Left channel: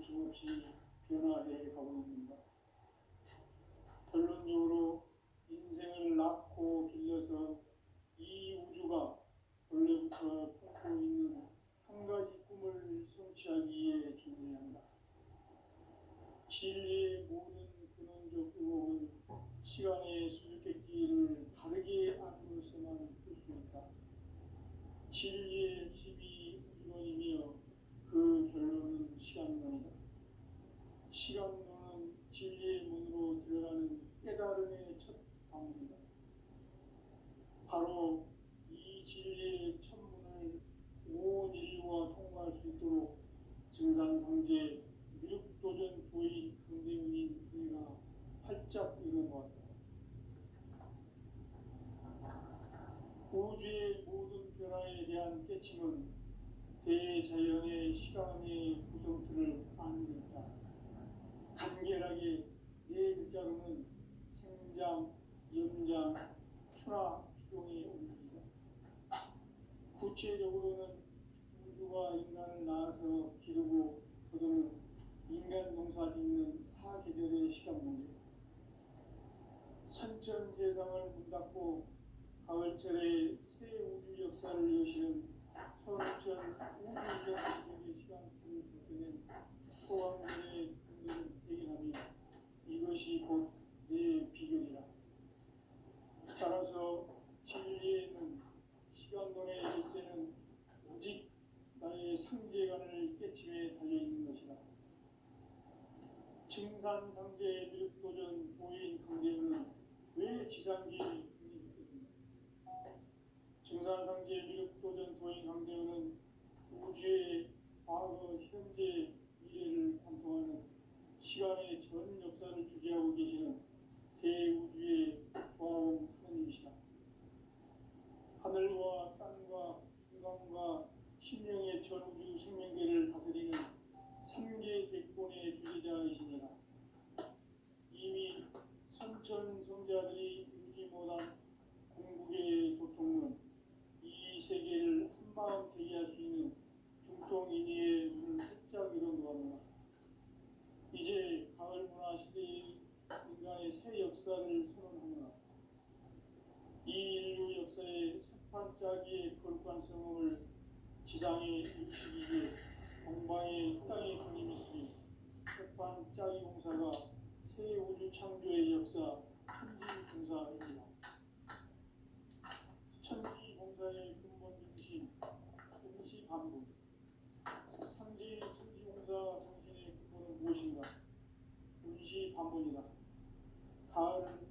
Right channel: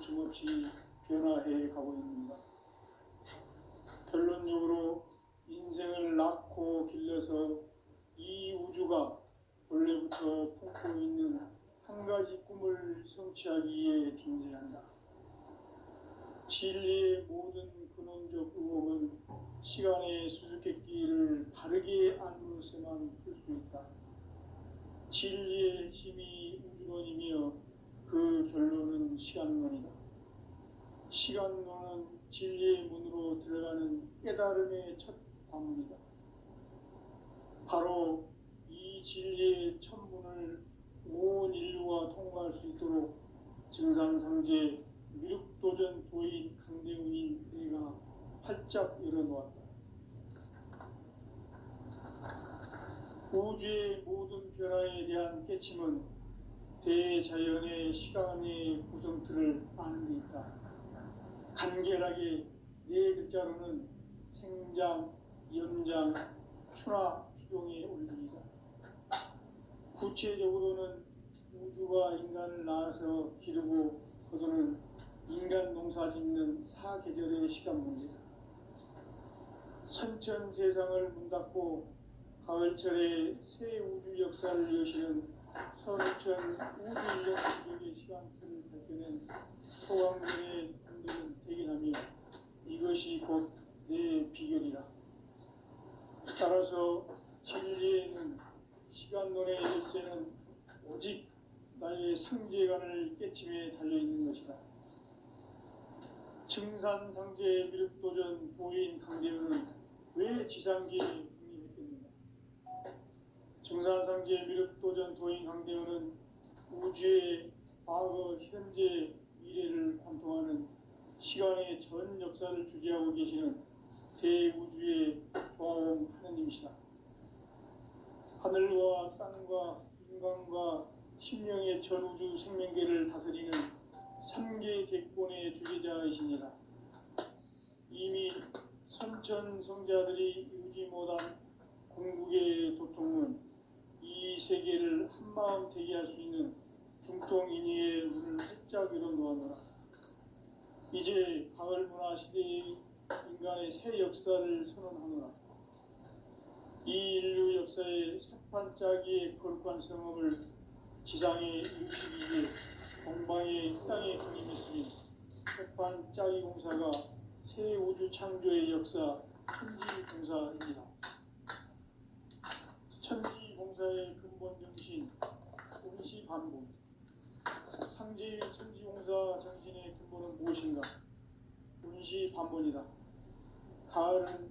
거침없이 변화해 가고 있습니다. 결론적으로 인생을 낳고 길러서 이 우주가 원래부터 품고 있는 한 가지 꿈을 성취하기 위해 존재한다. 진리의 모든 근원적 의혹은 시간의 수수께끼를 바르게 알므로서만 풀 수 있다. 진리의 핵심이 우주론이며 그 결론은 시간론이다. 시간론은 진리의 문으로 들어가는 깨달음의 첫 관문이다. 바로 이 진리의 첫 문을 온 인류가 통과할 수 있도록 증산상제 미륵도전 도인 강대훈인 내가 활짝 열어놓았다. 우주의 모든 변화에 대한 깨침은 대자연의 시간의 구성틀을 아는 데 있다. 간결하게 네 글자로는 생장, 연장, 추나 추종의 원리이다. 구체적으로는 우주가 인간을 낳아서 기르고 거두는 인간 농사 짓는 사계절의 시간 문제다. 선천 세상을 문닫고 가을철에 새 우주 역사를 여시는 서울천 우주인력 기록의 시간틀을 밝혀낸 소왕전의 공들은 대견하며 이것이 곧 내 비결이라. 따라서 진리에는 시간론의 열쇠는 오직 나의 상제관을 깨침에 달려있는 것이다. 증산상제 미륵도전 도인 강대훈은 왜 지상기에 국립했겠는가? 증산상제 미륵도전 도인 강대훈은 우주의 과거, 현재, 미래를 관통하는 시간의 전 역사를 주재하고 계시는 대우주의 조화원 하느님이시다. 하늘과 땅과 인간과 신명의 전우주 생명계를 다스리는 3계 대권의 주재자이시니라. 이미 선천성자들이 이루지 못한 궁극의 도통은 이 세계를 한마음 되게 할 수 있는 중통인의의 문을 활짝 열어놓았노라. 이제 가을문화 시대의 인간의 새 역사를 선언하노라. 이 인류 역사의 새판짜기의 거룩한 성험을 지상에 이루시기 위해 동방의 땅에 군림했으니 새판짜기 공사가 새 우주 창조의 역사 천지공사입니다. 천지공사의 근본 정신 운시반복. 상제의 천지공사 정신의 근본은 무엇인가? 운시반복이다. 가을은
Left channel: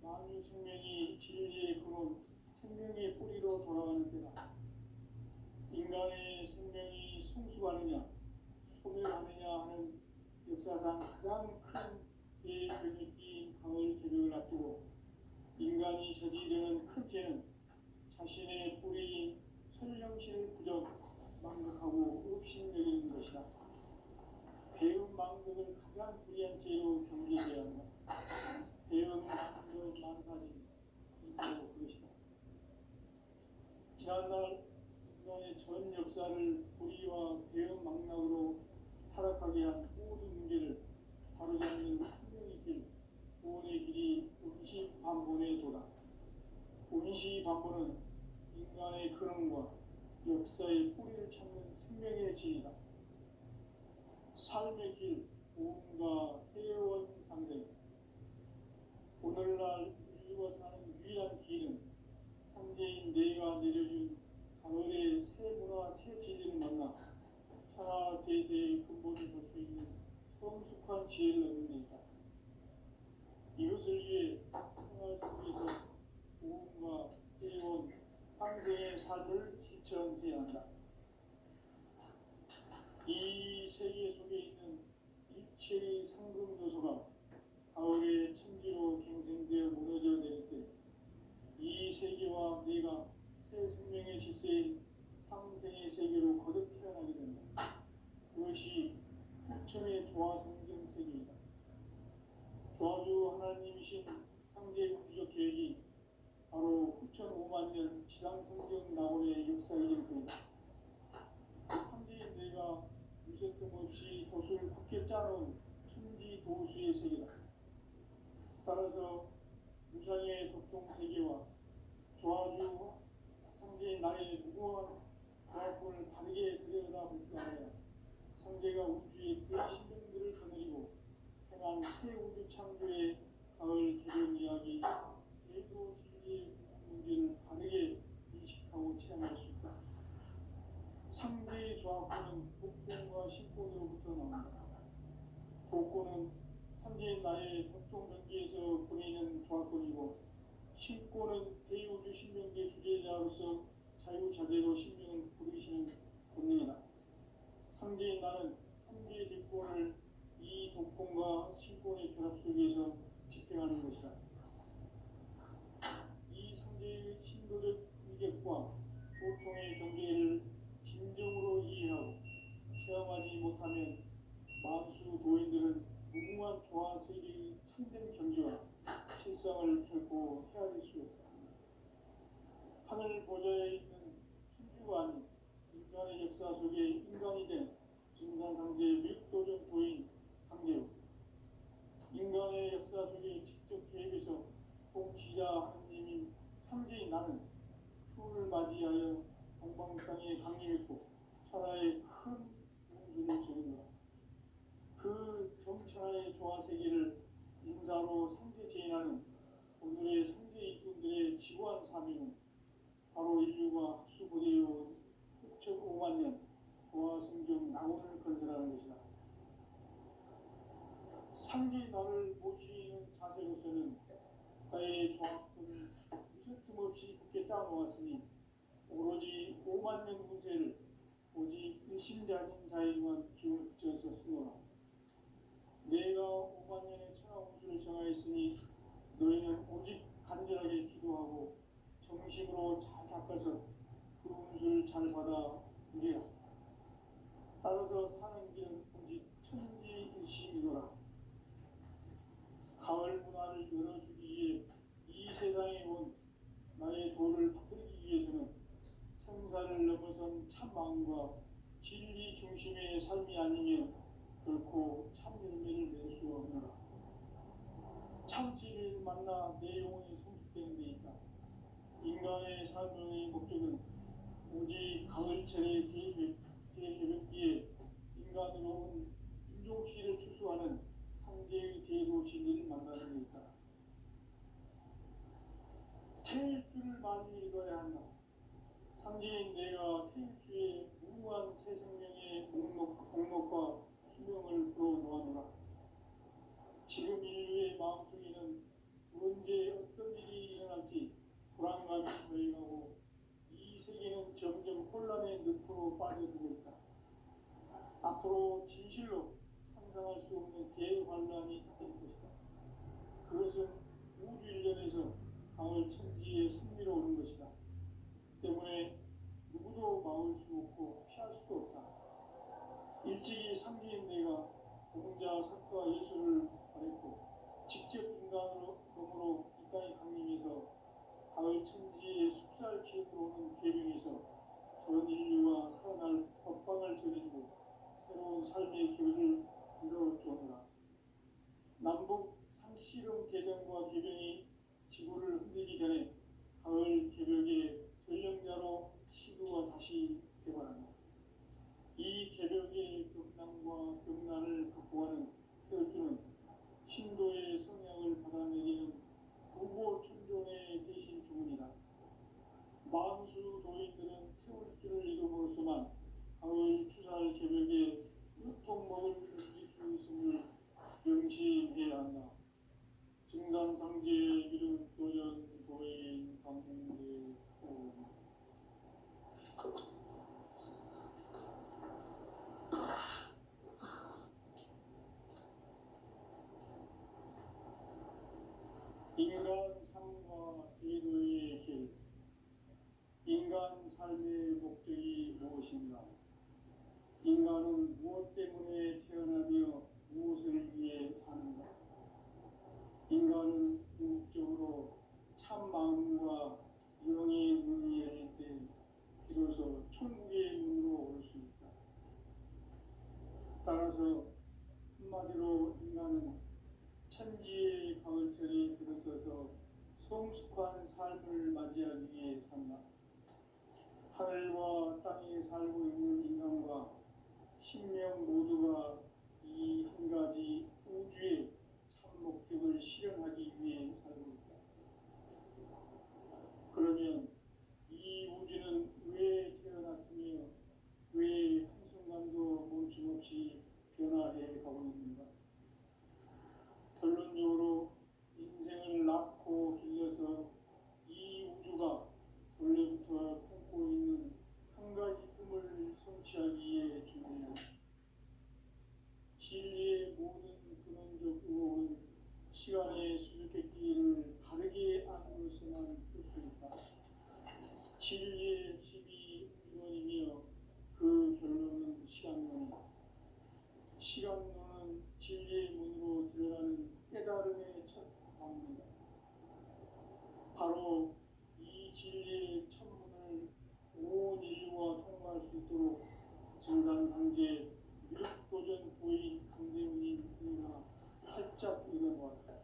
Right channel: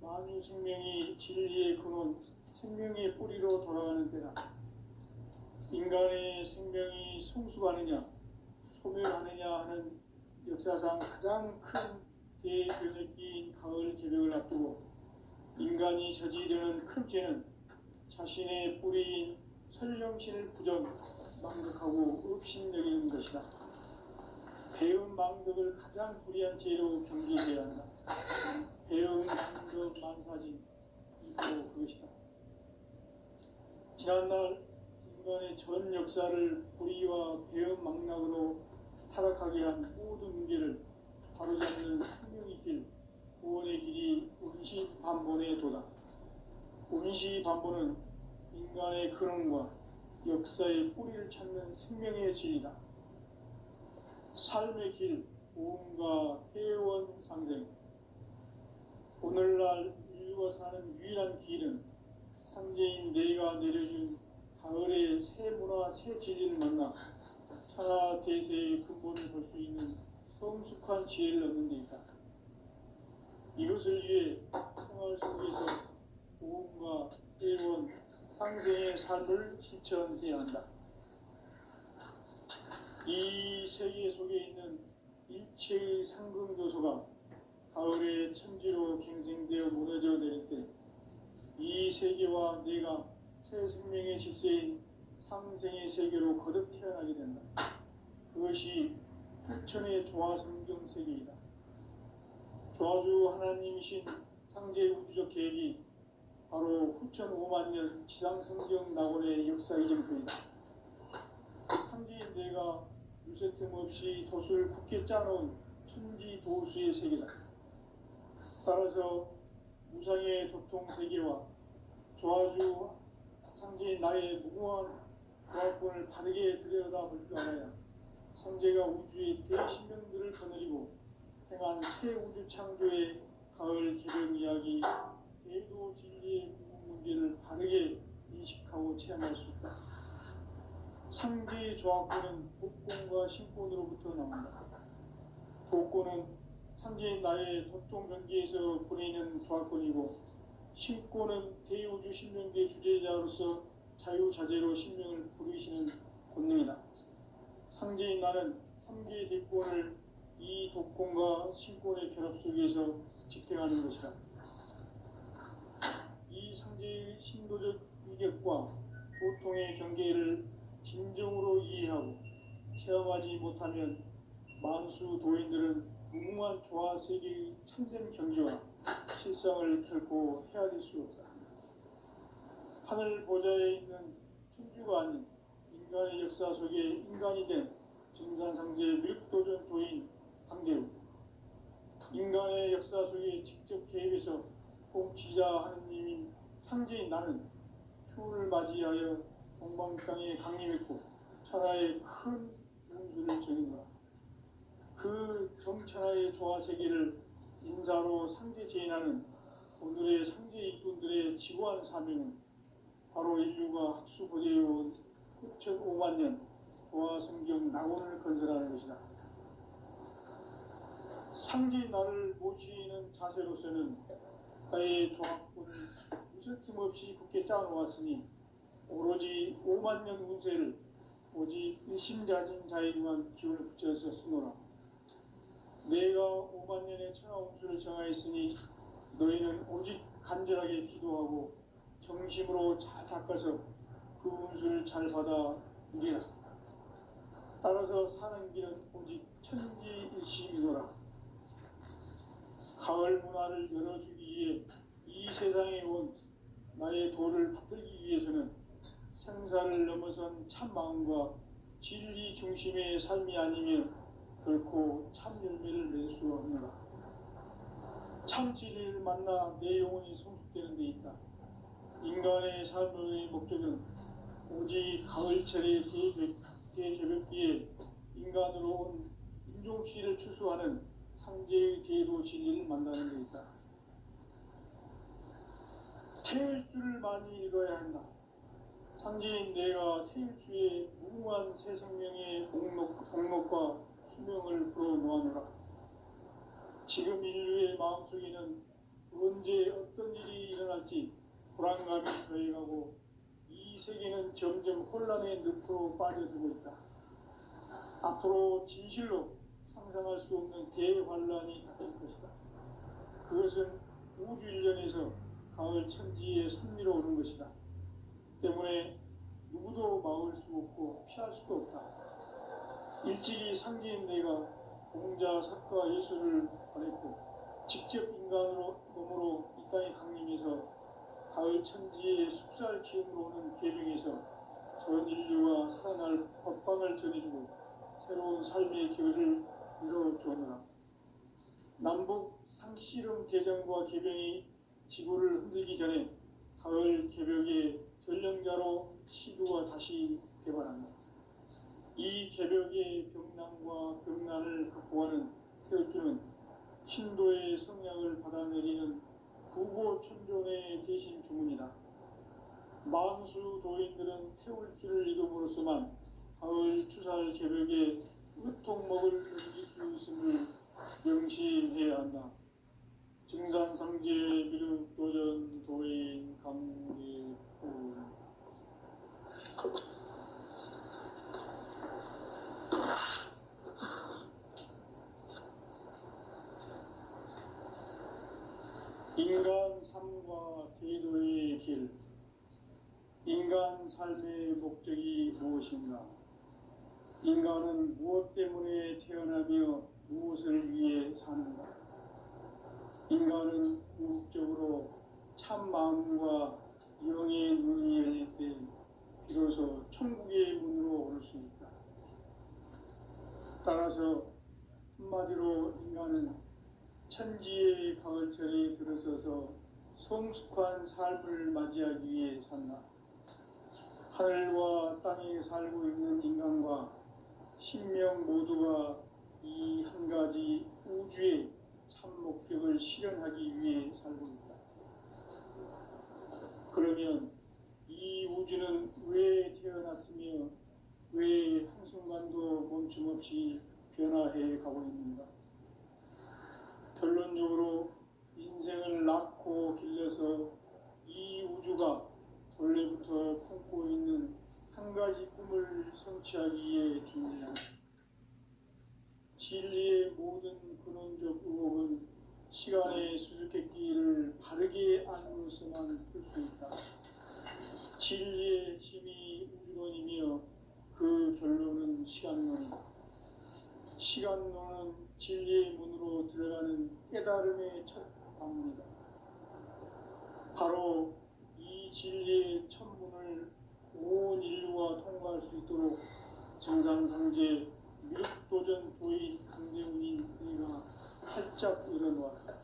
만유 생명이 진리의 근원, 생명의 뿌리로 돌아가는 때다. 인간의 생명이 성숙하느냐, 소멸하느냐 하는 역사상 가장 큰 대변혁기인 가을 개벽을 앞두고 인간이 저지르는 큰 죄는 자신의 뿌리인 설령신을 부정, 망덕하고 업신여기는 것이다. 배은 망덕을 가장 불의한 죄로 경계해야 한다. 배은 망덕 만사진, 이거 그것이다. 지난날 인간의 전 역사를 불의와 배은 망락으로 타락하게 한 모든 문제를 바로잡는 생명의 길, 구원의 길이 운시반본의 도다. 운시반본은 인간의 근원과 역사의 뿌리를 찾는 생명의 진리다. 삶의 길, 보험과 회원 상생. 오늘날 인류가 사는 유일한 길은 상제인 내가 내려준 가을의 새 문화, 새 진리를 만나 천하 대세의 근본을 볼 수 있는 성숙한 지혜를 얻는 데 있다. 이것을 위해 생활 속에서 보험과 회원, 상생의 삶을 실천해야 한다. 이 세계 속에 있는 일체의 상극 요소가 가을의 천지로 갱생되어 무너져 내릴 때 이 세계와 내가 새 생명의 질서인 상생의 세계로 거듭 태어나게 된다. 그것이 후천의 조화성경 세계이다. 조화주 하나님이신 상제 우주적 계획이 바로 후천 5만 년 지상성경 낙원의 역사 이전편이다. 상제인 내가 무쇠틈 없이 돛을 굳게 짜놓은 천지 도수의 세계다. 따라서 무상의 도통 세계와 조아주 상제인 나의 무궁한 조합권을 바르게 들여다볼 줄 알아야 상제가 우주의 대신명들을 거느리고 행한 새 우주 창조의 가을 개변 이야기, 대도 진리의 궁극 문제를 바르게 인식하고 체험할 수 있다. 상제의 조합권은 복권과 신권으로부터 나온다. 복권은 상제인 나의 도통 경계에서 보내는 조합권이고, 신권은 대우주 신명계 주제자로서 자유자재로 신명을 부르시는 권능이다. 상제인 나는 3개의 대권을 이 독권과 신권의 결합 속에서 집행하는 것이다. 이 상제의 신도적 위격과 보통의 경계를 진정으로 이해하고 체험하지 못하면 만수 도인들은 무궁한 조화 세계의 참된 경지와 실상을 결코 헤아릴 수 없다. 하늘 보좌에 있는 천주가 아닌 인간의 역사 속에 인간이 된 증산상제 뮤도전 도인 강대우, 인간의 역사 속에 직접 개입해서 통치자 하느님인 상제인 나는 추운을 맞이하여 동방땅에 강림했고 천하의 큰 운수를 정했노라. 그 정천하의 조화세계를 인사로 상제 제인하는 오늘의 상제 일꾼들의 지구한 사명은 바로 인류가 학수고대해온 6,500만 년 조화성경 낙원을 건설하는 것이다. 상제인 나를 모시는 자세로서는 나의 조합권을 무쇠틈 없이 굳게 짜놓았으니 오로지 5만 년 운세를 오직 일심자진 자에게만 기운을 붙여서 쓰노라. 내가 5만 년의 천하운수를 정하였으니 너희는 오직 간절하게 기도하고 정심으로 잘 닦아서 그 운수를 잘 받아 누리라. 따라서 사는 길은 오직 천지일심이노라. 가을 문화를 열어주기 위해 이 세상에 온 나의 도를 받들기 위해서는 생사를 넘어선 참 마음과 진리 중심의 삶이 아니면 결코 참 열매를 맺을 수 없노라. 참 진리를 만나 내 영혼이 성숙되는 데 있다. 인간의 삶의 목적은 오직 가을철의 대개벽기에 인간으로 온 인종시를 추수하는 상제의 대도 진리를 만나는 데 있다. 태일주를 많이 읽어야 한다. 상제인 내가 태일주의 무궁한 새 생명의 목록과 수명을 불어놓아노라. 지금 인류의 마음속에는 언제 어떤 일이 일어날지 불안감이 더해가고 이 세계는 점점 혼란의 늪으로 빠져들고 있다. 앞으로 진실로 상상할 수 없는 대환란이 닥칠 것이다. 그것은 우주 일련에서 가을 천지에 선미로 오는 것이다. 때문에 누구도 막을 수 없고 피할 수도 없다. 일찍이 상제인 내가 공자, 석가, 예수를 보냈고 직접 인간으로 몸으로 이 땅에 강림해서 가을 천지의 숙살 기운으로 오는 계명에서 전 인류가 살아날 법방을 전해주고 새로운 삶의 길을 이뤄주었노라. 남북 상씨름 대전과 개병이 지구를 흔들기 전에 가을 개벽의 전령자로 시도가 다시 개발한다. 이 개벽의 병난과 병난을 극복하는 태울주는 신도의 성량을 받아내리는 구고천존의 대신 주문이다. 만수 도인들은 태울주를 이름으로서만 가을 추살 개벽의 으통먹을 누릴 수 있음을 명심해야 한다. 증산상제 미륵도전 도인 강대훈. 인간 삶과 대도의 길. 인간 삶의 목적이 무엇인가? 인간은 무엇 때문에 태어나며 무엇을 위해 사는가? 인간은 궁극적으로 참 마음과 영의 눈이 열릴 때 비로소 천국의 문으로 올 수 있다. 따라서 한마디로 인간은 천지의 가을철에 들어서서 성숙한 삶을 맞이하기 위해 산다. 하늘과 땅에 살고 있는 인간과 신명 모두가 이 한 가지 우주의 참 목적을 실현하기 위해 살고 있다. 그러면 이 우주는 왜 태어났으며 왜 한순간도 멈춤 없이 변화해 가고 있는가? 결론적으로 인생을 낳고 길러서 이 우주가 원래부터 품고 있는 한 가지 꿈을 성취하기 위해 존재한다. 진리의 모든 근원적 의혹은 시간의 수수께끼를 바르게 알고서만 풀 수 있다. 진리의 힘이 우주론이며 그 결론은 시간론이다. 시간론은 진리의 문으로 들어가는 깨달음의 첫 방문이다. 바로 이 진리의 첫 문을 온 인류가 통과할 수 있도록 정상상제 미륵도전 도인 강대훈인 네가 활짝 일어놓았다.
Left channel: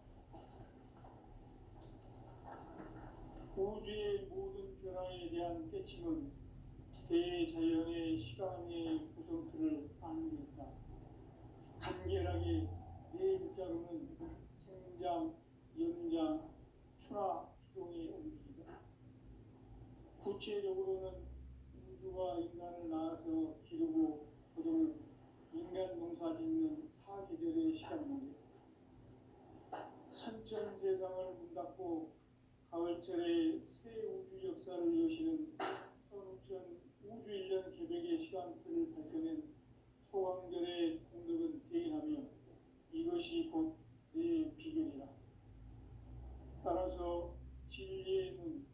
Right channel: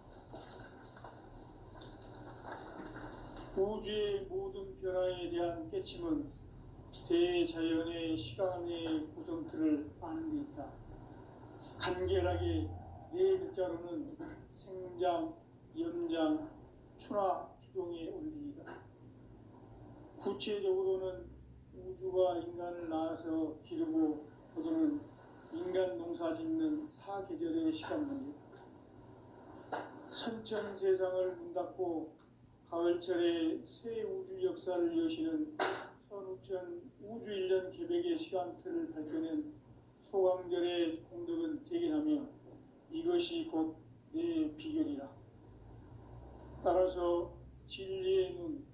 우주의 모든 변화에 대한 깨침은 대자연의 시간의 구성틀을 아는 데 있다. 간결하게 네 글자로는 생장, 연장, 추나 추동의 원리이다. 구체적으로는 우주가 인간을 낳아서 기르고 거두는 인간 농사 짓는 사계절의 시간 문제. 선천 세상을 문 닫고 가을철에 새 우주 역사를 여시는 선우천 우주 1년 계백의 시간틀을 밝혀낸 소강절의 공덕은 대견하며 이것이 곧 내 비결이라. 따라서 진리의 눈,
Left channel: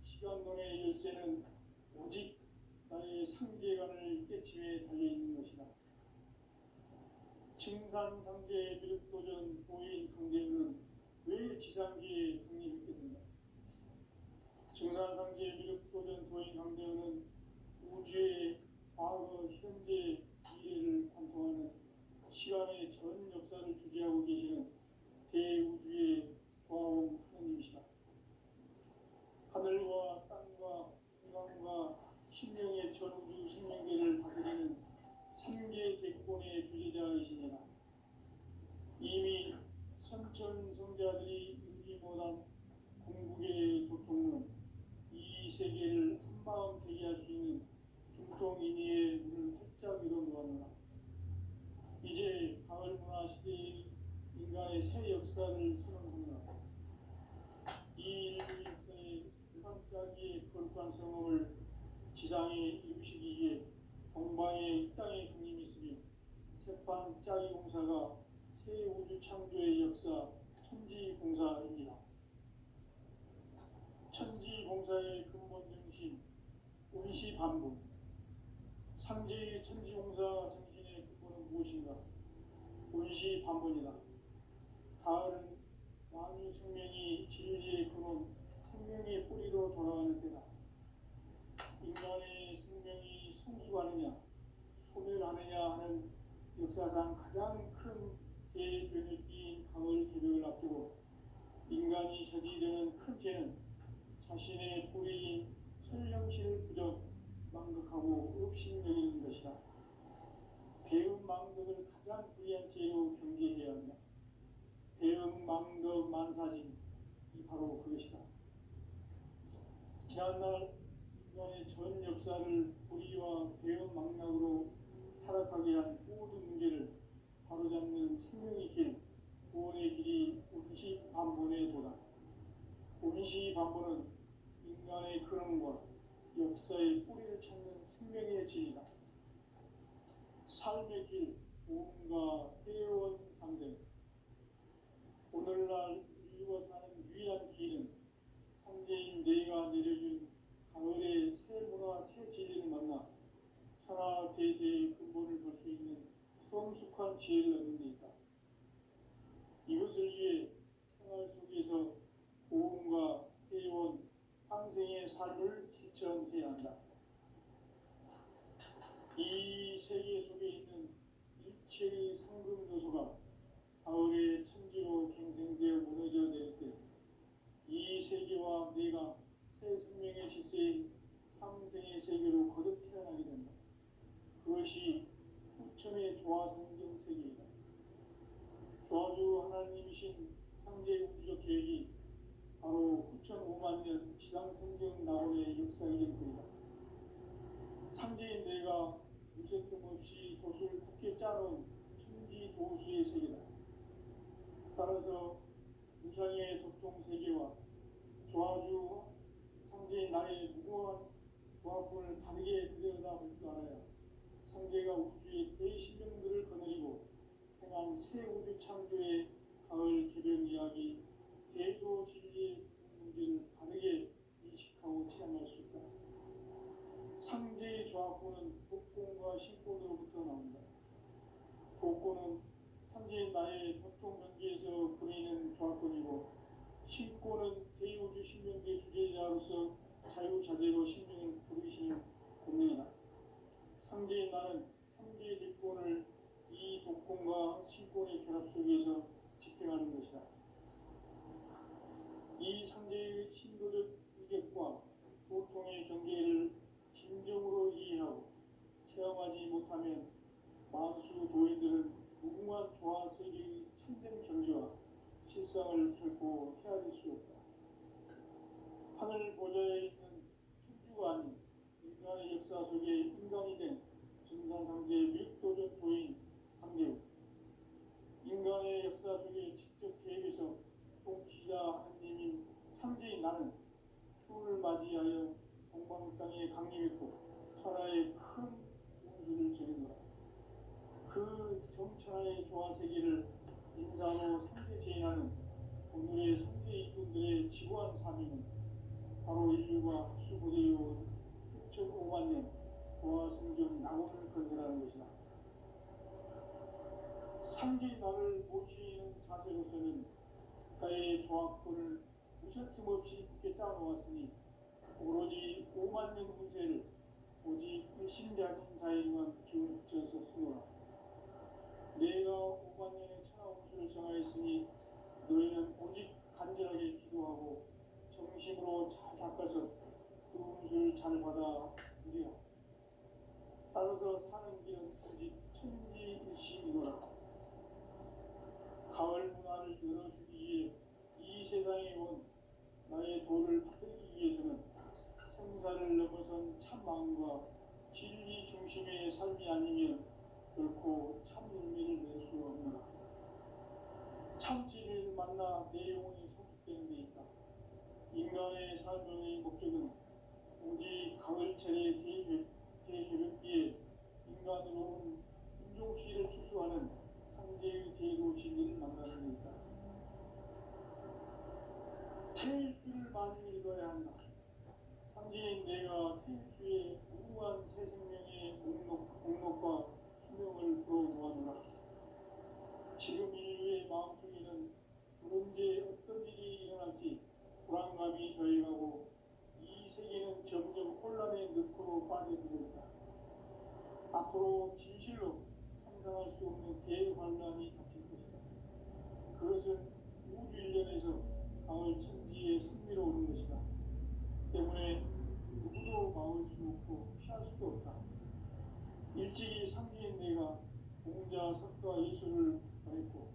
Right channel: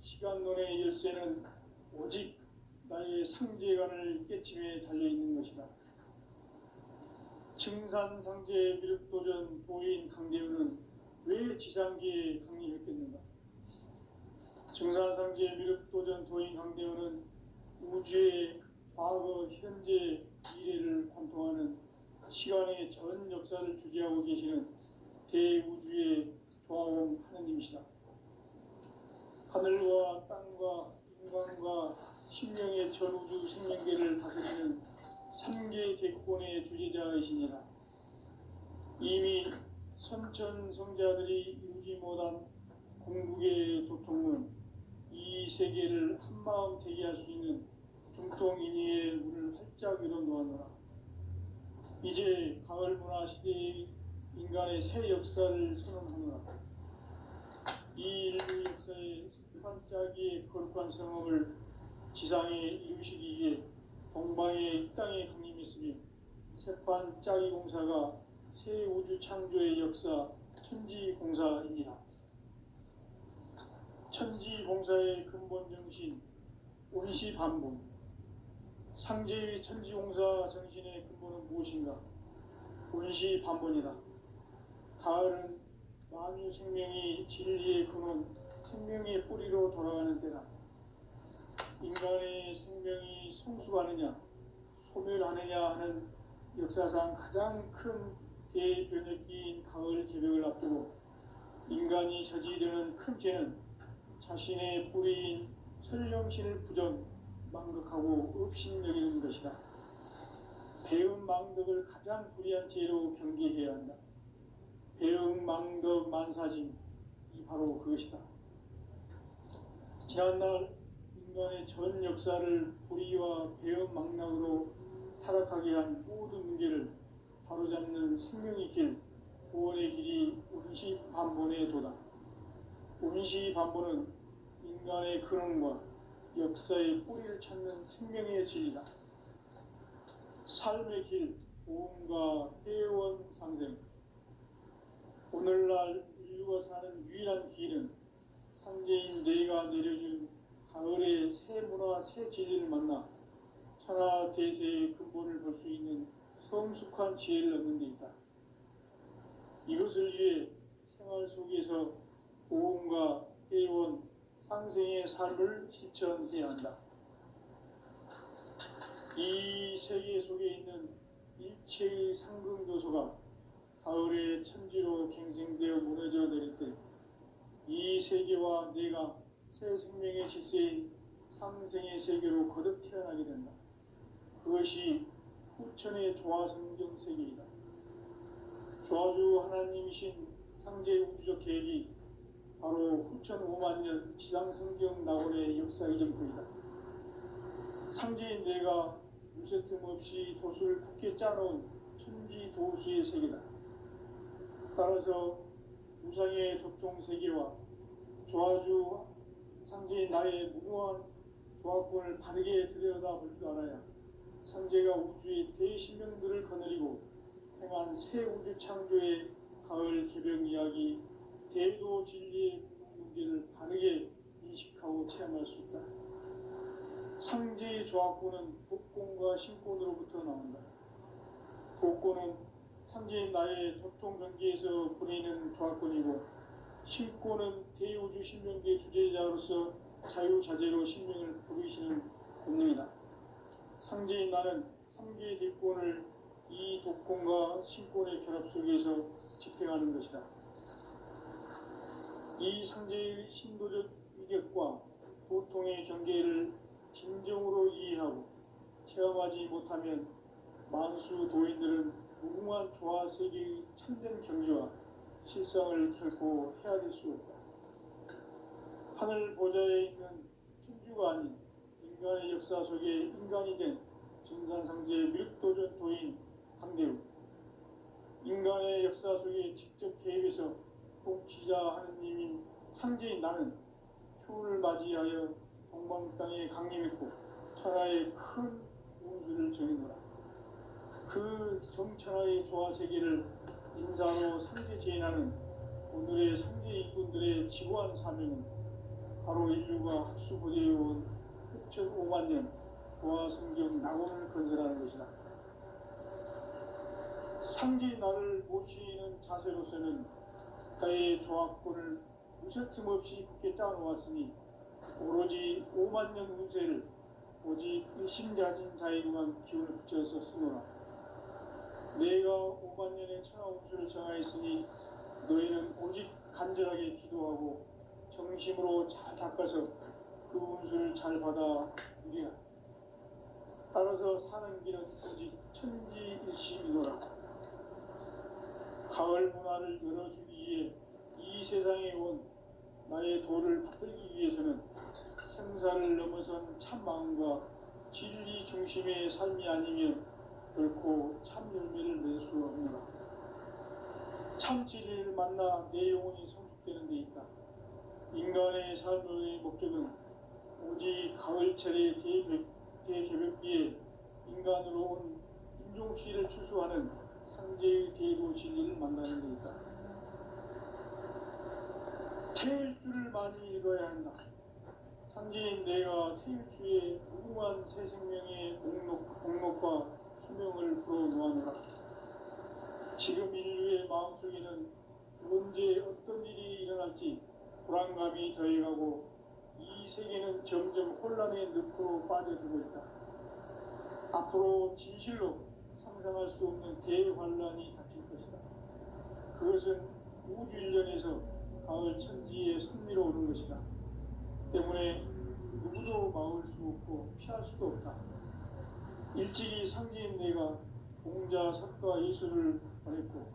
시간론의 열쇠는 오직 나의 상제관을 깨침에 달려있는 것이다. 증산상제 미륵도전 도인 강대훈은 왜 지상기에 강림했겠는가? 증산상제 미륵도전 도인 강대훈은 우주의 과거, 현재, 미래를 관통하는 시간의 전 역사를 주재하고 계시는 대우주의 조화원 하느님이시다. 하늘과 땅과 인간과 신명의 전우주 생명계를 다스리는 3개 대권의 주제자이시니라. 이미 선천성자들이 이루지 못한 궁극의 도통은 이 세계를 한마음 되게 할 수 있는 중통인의의 문을 활짝 열어놓았노라. 이제 가을문화 시대의 인간의 새 역사를 선언하노라. 이 인류 역사의 반짝이의 거룩한 성업을 지상에 이루시기 위해 동방의 이 땅에 강림했으며 새반짝이 공사가 새 우주 창조의 역사 천지공사입니다. 천지공사의 근본 정신 온시반분. 상제의 천지공사 정신의 근본은 무엇인가? 온시반분이다. 가을은 만유 생명이 진리의 근원, 생명의 뿌리로 돌아가는 때다. 인간의 생명이 성숙하느냐, 소멸하느냐 하는 역사상 가장 큰 대변혁기인 가을 제벽을 앞두고 인간이 저지르는 큰 죄는 자신의 뿌리인 설령신을 부정, 망극하고 업신여기는 것이다. 배음 망덕을 가장 불의한 죄로 경계해야 한다. 배음 망덕 만사짐이 바로 그것이다. 지난날 인간의 전 역사를 불의와 배음 망락으로 타락하게 한 모든 문제를 바로잡는 생명의 길, 구원의 길이 온시반본의 도다. 온시반본은 인간의 근원과 역사의 뿌리를 찾는 생명의 진리다. 삶의 길, 보험과 회원 상생. 오늘날 인류가 사는 유일한 길은 상제인 내가 내려준 가을의 새 문화, 새 진리를 만나 천하 대세의 근본을 볼 수 있는 성숙한 지혜를 얻는 데 있다. 이것을 위해 생활 속에서 보험과 회원, 상생의 삶을 실천해야 한다. 이 세계 속에 있는 이체의 상승도소가 가을의 천지로 갱생되어 무너져 내릴 때 이 세계와 내가 새 생명의 질서인 삼생의 세계로 거듭 태어나게 된다. 그것이 후천의 조화성경 세계이다. 조화주 하나님이신 상제 우주적 계획이 바로 후천 5만 년 지상성경 낙원의 역사 이전부이다. 상제인 내가 무쇠 틈 없이 도수를 굳게 짜놓은 천지 도수의 세계다. 따라서 무상의 독종 세계와 조화주 상제인 나의 무궁한 조합권을 바르게 들여다볼 줄 알아야 상제가 우주의 대신명들을 거느리고 행한 새 우주 창조의 가을 개벽 이야기, 대도 진리의 문제를 바르게 인식하고 체험할 수 있다. 상제의 조합권은 복권과 신권으로부터 나온다. 복권은 상제인 나의 도통 경계에서 부리는 조합권이고, 신권은 대우주 신명계 주제자로서 자유자재로 신명을 부르시는 본능이다. 상제인 나는 3개의 뒷권을 이 독권과 신권의 결합 속에서 집행하는 것이다. 이 상제의 신도적 위격과 보통의 경계를 진정으로 이해하고 체험하지 못하면 만수 도인들은 무궁한 조화세계의 참된 경지와 실상을 결코 헤아릴 수 없다. 하늘 보좌에 있는 천주가 아닌 인간의 역사 속에 인간이 된 증산상제 밀도전 도인 강대우, 인간의 역사 속에 직접 개입해서 통치자 하느님인 상제인 나는 추운을 맞이하여 동방 땅에 강림했고 천하의 큰 운수를 정했노라. 그 정천하의 조화세계를 인사로 상제 제인하는 오늘의 상제 이군들의 지구한 사명은 바로 인류가 학수고대해온 6,5만 년 조화성경 낙원을 건설하는 것이다. 상제인 나를 모시는 자세로서는 국가의 조합권을 무쇠틈 없이 굳게 짜놓았으니 오로지 5만 년 운세를 오직 일심가진 자에게만 기운을 붙여서 쓰노라. 내가 5만 년의 천하 운수를 정하였으니 너희는 오직 간절하게 기도하고 정심으로 잘 닦아서 그 운수를 잘 받아 누리라. 따라서 사는 길은 오직 천지일심이노라. 가을 문화를 열어주기 위해 이 세상에 온 나의 도를 받들기 위해서는 생사를 넘어선 참 마음과 진리 중심의 삶이 아니면 결코 참 열매를 낼 수 없노라. 참 진리를 만나 내 영혼이 성숙되는 데 있다. 인간의 삶의 목적은 오직 가을철의 대개벽기에 인간으로 온 인종시를 추수하는 상제의 대도 진리를 만나는 데 있다. 태일주를 많이 읽어야 한다. 상제인 내가 태일주의 무궁한 새 생명의 목록과 수명을 불어놓아노라. 지금 인류의 마음속에는 언제 어떤 일이 일어날지 불안감이 더해가고 이 세계는 점점 혼란의 늪으로 빠져들고 있다. 앞으로 진실로 상상할 수 없는 대환란이 닥칠 것이다. 그것은 우주 일련에서 가을 천지에 선미로 오는 것이다. 때문에 누구도 막을 수 없고 피할 수도 없다. 일찍이 상제인 내가 공자, 석가, 예수를 보냈고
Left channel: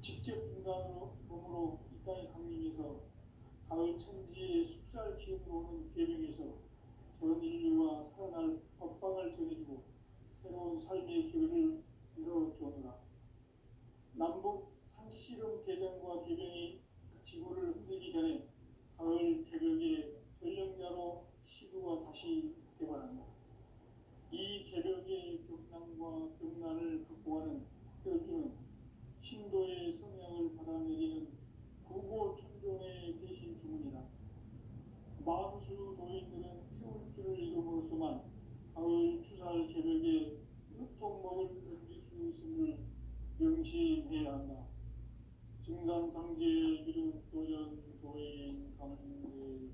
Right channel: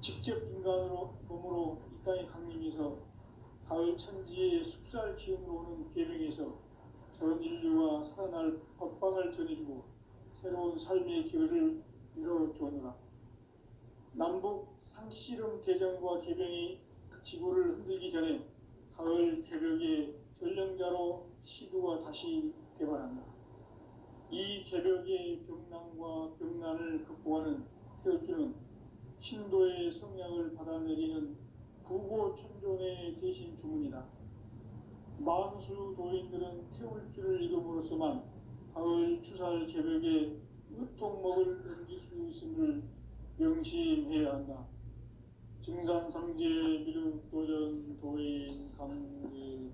직접 인간으로 몸으로 이 땅에 강림해서 가을 천지의 숲살 기운으로 오는 계명에서 전 인류가 살아날 법방을 전해주고 새로운 삶의 기회를 이뤄주었노라. 남북 상씨름 대전과 개병이 지구를 흔들기 전에 가을 개벽의 전령자로 시도가 다시 개발한다. 이 개벽의 병난과 병난을 극복하는 태울주는 신도의 성량을 받아내리는 구고천존의 대신 주문이다. 만수 도인들은 태울주를 이름으로서만 가을 추살 개벽의 으통목을 넘길 수 있음을 명심해야 한다. 증산상제 미륵도전 도인 감계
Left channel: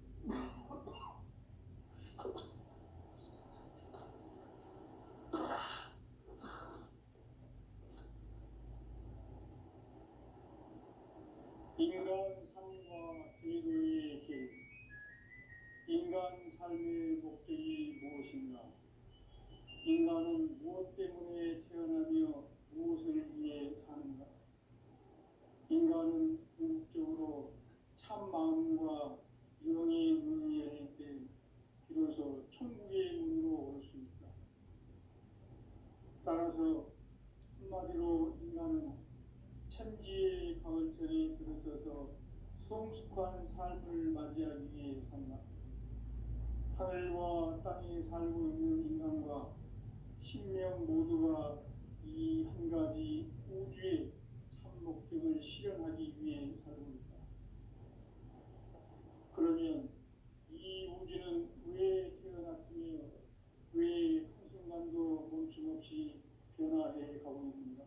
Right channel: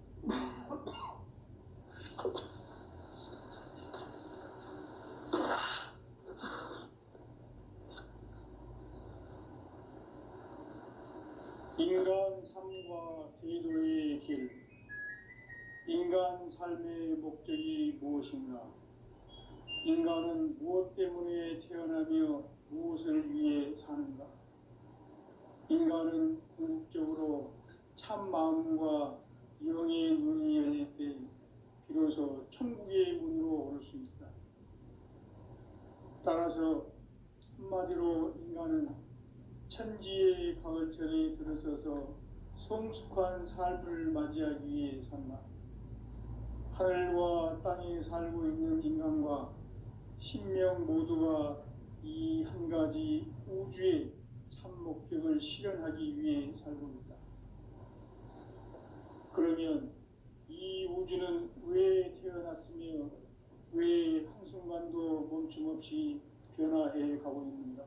인간 삶과 궤도의 길, 인간 삶의 목적이 무엇인가? 인간은 무엇 때문에 태어나며 무엇을 위해 사는가? 인간은 궁극적으로 참 마음과 영의 눈이 열릴 때 비로소 천국의 문으로 올 수 있다. 따라서 한마디로 인간은 천지의 가을철에 들어서서 성숙한 삶을 맞이하기 위해 산다. 하늘과 땅에 살고 있는 인간과 신명 모두가 이 한 가지 우주의 참 목적을 실현하기 위해 살고 있다. 그러면 이 우주는 왜 태어났으며 왜 한순간도 멈춤없이 변화해 가고 있는가?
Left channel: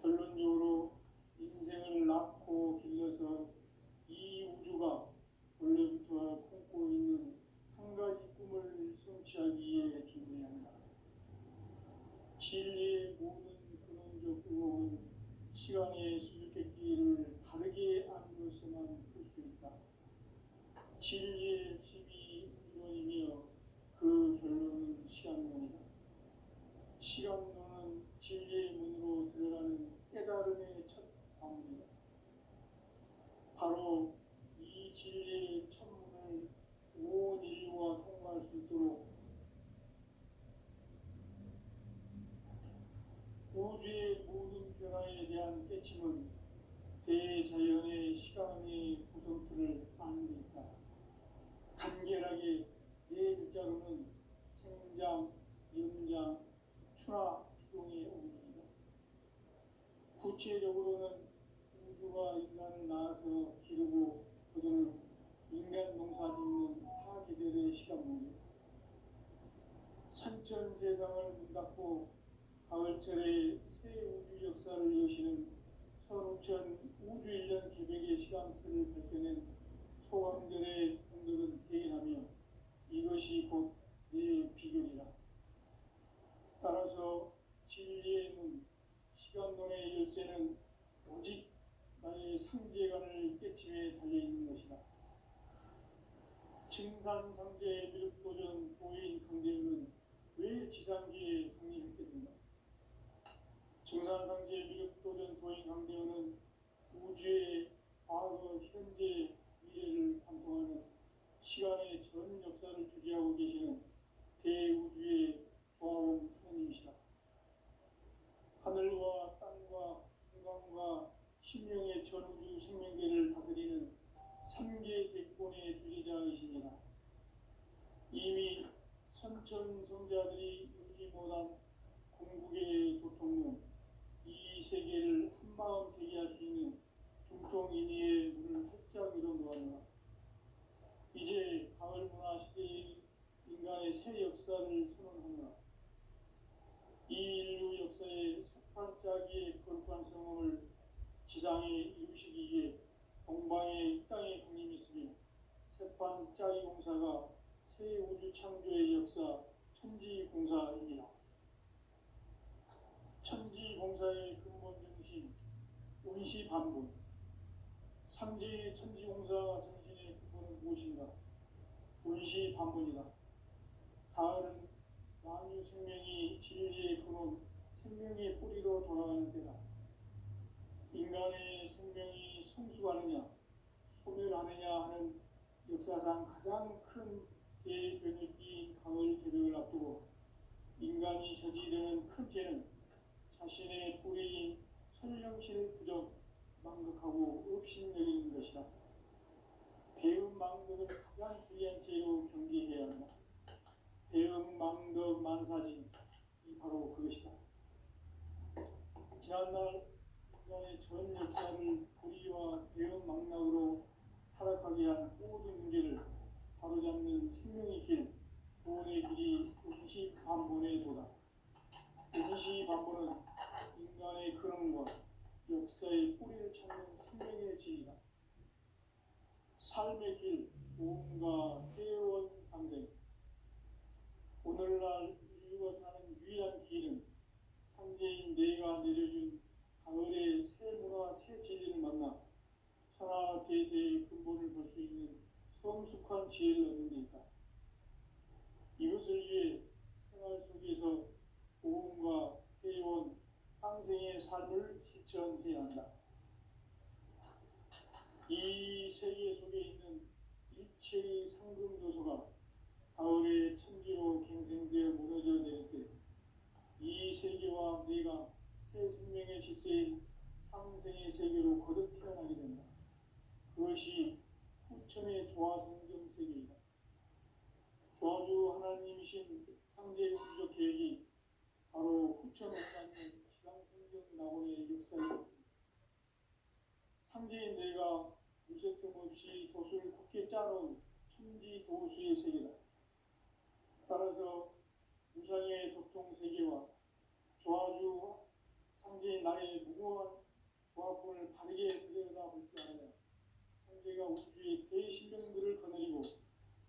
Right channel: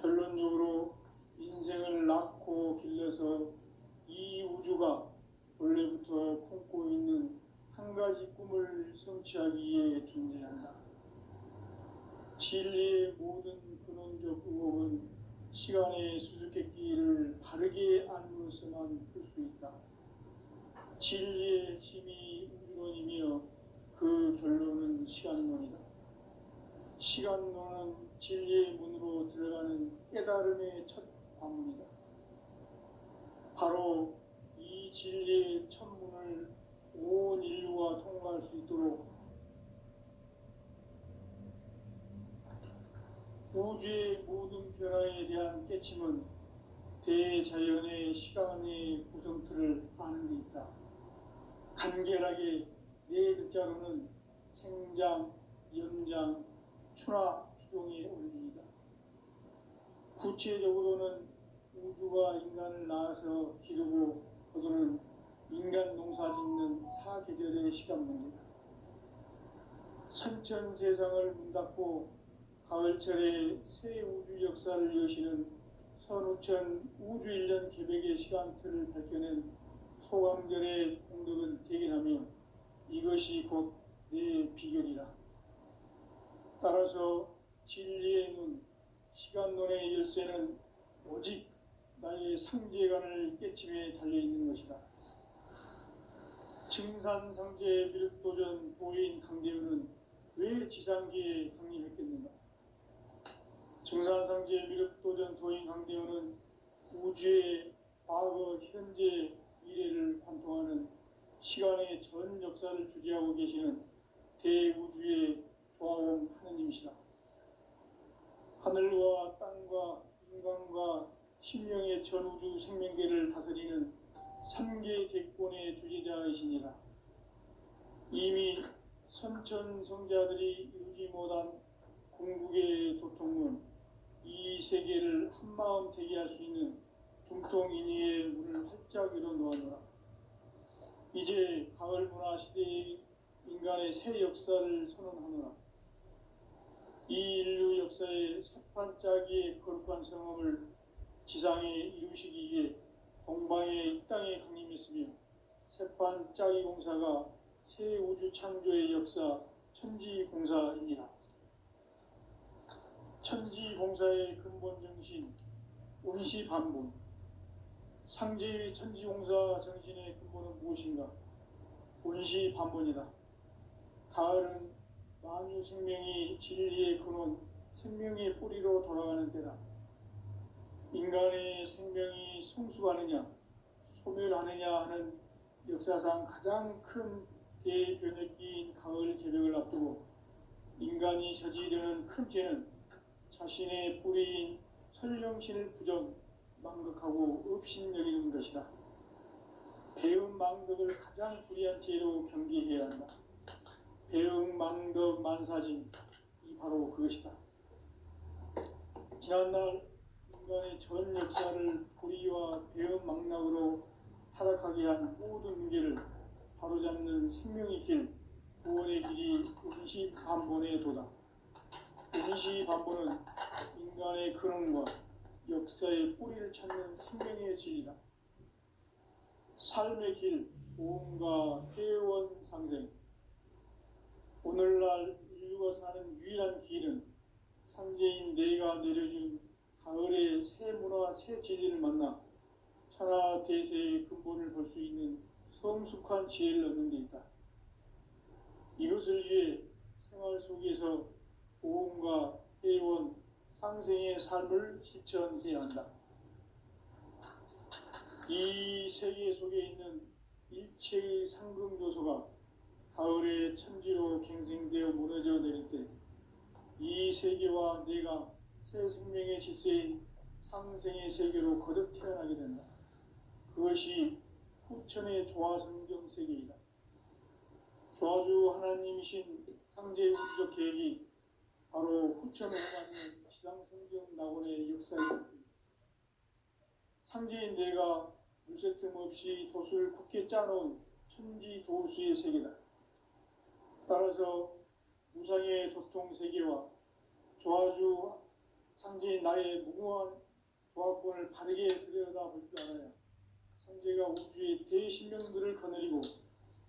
결론적으로 인생을 낳고 길러서 이 우주가 원래부터 품고 있는 한 가지 꿈을 성취하기 위해 존재한다. 진리의 모든 근원적 의혹은 시간의 수수께끼를 바르게 알므로서만 풀 수 있다. 진리의 핵심이 우주론이며 그 결론은 시간론이다. 시간론은 진리의 문으로 들어가는 깨달음의 첫 관문이다. 바로 이 진리의 첫 문을 온 인류가 통과할 수 있도록 우주의 모든 변화에 대한 깨침은 대자연의 시간의 구성틀을 아는 데 있다. 간결하게 네 글자로는 생장, 연장, 추나 추동의 원리이다. 구체적으로는 우주가 인간을 낳아서 기르고 거두는 인간 농사 짓는 사계절의 시간 문제다. 선천 세상을 문 닫고 가을철에 새 우주 역사를 여시는 선우천 우주 1년 계획의 시간틀을 밝혀낸 소강전의 공덕은 대견하며 이것이 곧 내 비결이라. 따라서 진리의 눈, 시간론의 열쇠는 오직 나의 상제관을 깨침에 달려있는 것이다. 증산상제 미륵도전 보인 강대우는 왜 지상계에 강림했겠는가? 증산상제 미륵도전 도인 강대우는 우주의 과거, 현재, 미래를 관통하는 시간의 전 역사를 주재하고 계시는 대우주의 조화원 하느님이시다. 하늘과 땅과 인간과 신명의 전우주 생명계를 다스리는 3계 대권의 주재자이시니라. 이미 선천성자들이 이루지 못한 궁극의 도통문, 이 세계를 한마음 되게 할 수 있는 중통인의의 문을 활짝 열어놓아노라. 이제 가을 문화 시대의 인간의 새 역사를 선언하노라. 이 인류 역사의 새판짜기의 거룩한 성함을 지상에 이루시기 위해 동방의 이 땅에 강림했으며 새판짜기 공사가 새 우주 창조의 역사 천지공사이니라. 천지공사의 근본 정신 운시반분, 상제의 천지공사 정신의 근본은 무엇인가? 운시반분이다. 가을은 만유 생명이 진리의 근원, 생명의 뿌리로 돌아가는 때다. 인간의 생명이 성숙하느냐, 소멸하느냐 하는 역사상 가장 큰 대변혁기인 가을 개벽을 앞두고 인간이 저지르는 큰 죄는 자신의 뿌리인 설령신을 부정, 망극하고 업신여기는 것이다. 배은 망덕을 가장 불의한 죄로 경계해야 한다. 배응, 망덕, 만사진, 이 바로 그것이다. 지난날 인간의 전 역사를 불의와 배응, 망락으로 타락하게 한 모든 문제를 바로잡는 생명의 길, 구원의 길이 운시반본의 도다. 운시반본은 인간의 근원과 역사의 뿌리를 찾는 생명의 진리다. 삶의 길, 보험과 회원 상생. 오늘날 인류가 사는 유일한 길은 삼재인 내가 내려준 가을의 새 문화, 새 진리를 만나 천하 대세의 근본을 볼 수 있는 성숙한 지혜를 얻는 데 있다. 이것을 위해 생활 속에서 보험과 회원, 상생의 삶을 실천해야 한다. 이 세계 속에 있는 일체의 상급 요소가 가을의 천지로 갱생되어 무너져 내릴 때 이 세계와 내가 새 생명의 질서인 상생의 세계로 거듭 태어나게 된다. 그것이 후천의 조화성경 세계이다. 조화주 하나님이신 상제 우주적 계획이 바로 후천을 하는 지상성경 낙원의 역사이다. 상제인 내가 무쇠 틈 없이 도수를 굳게 짜놓은 천지 도수의 세계다. 따라서 무상의 도통 세계와 조화주 상제인 나의 무궁한 조합권을 바르게 들여다볼 줄 알아야 상제가 우주의 대신명들을 거느리고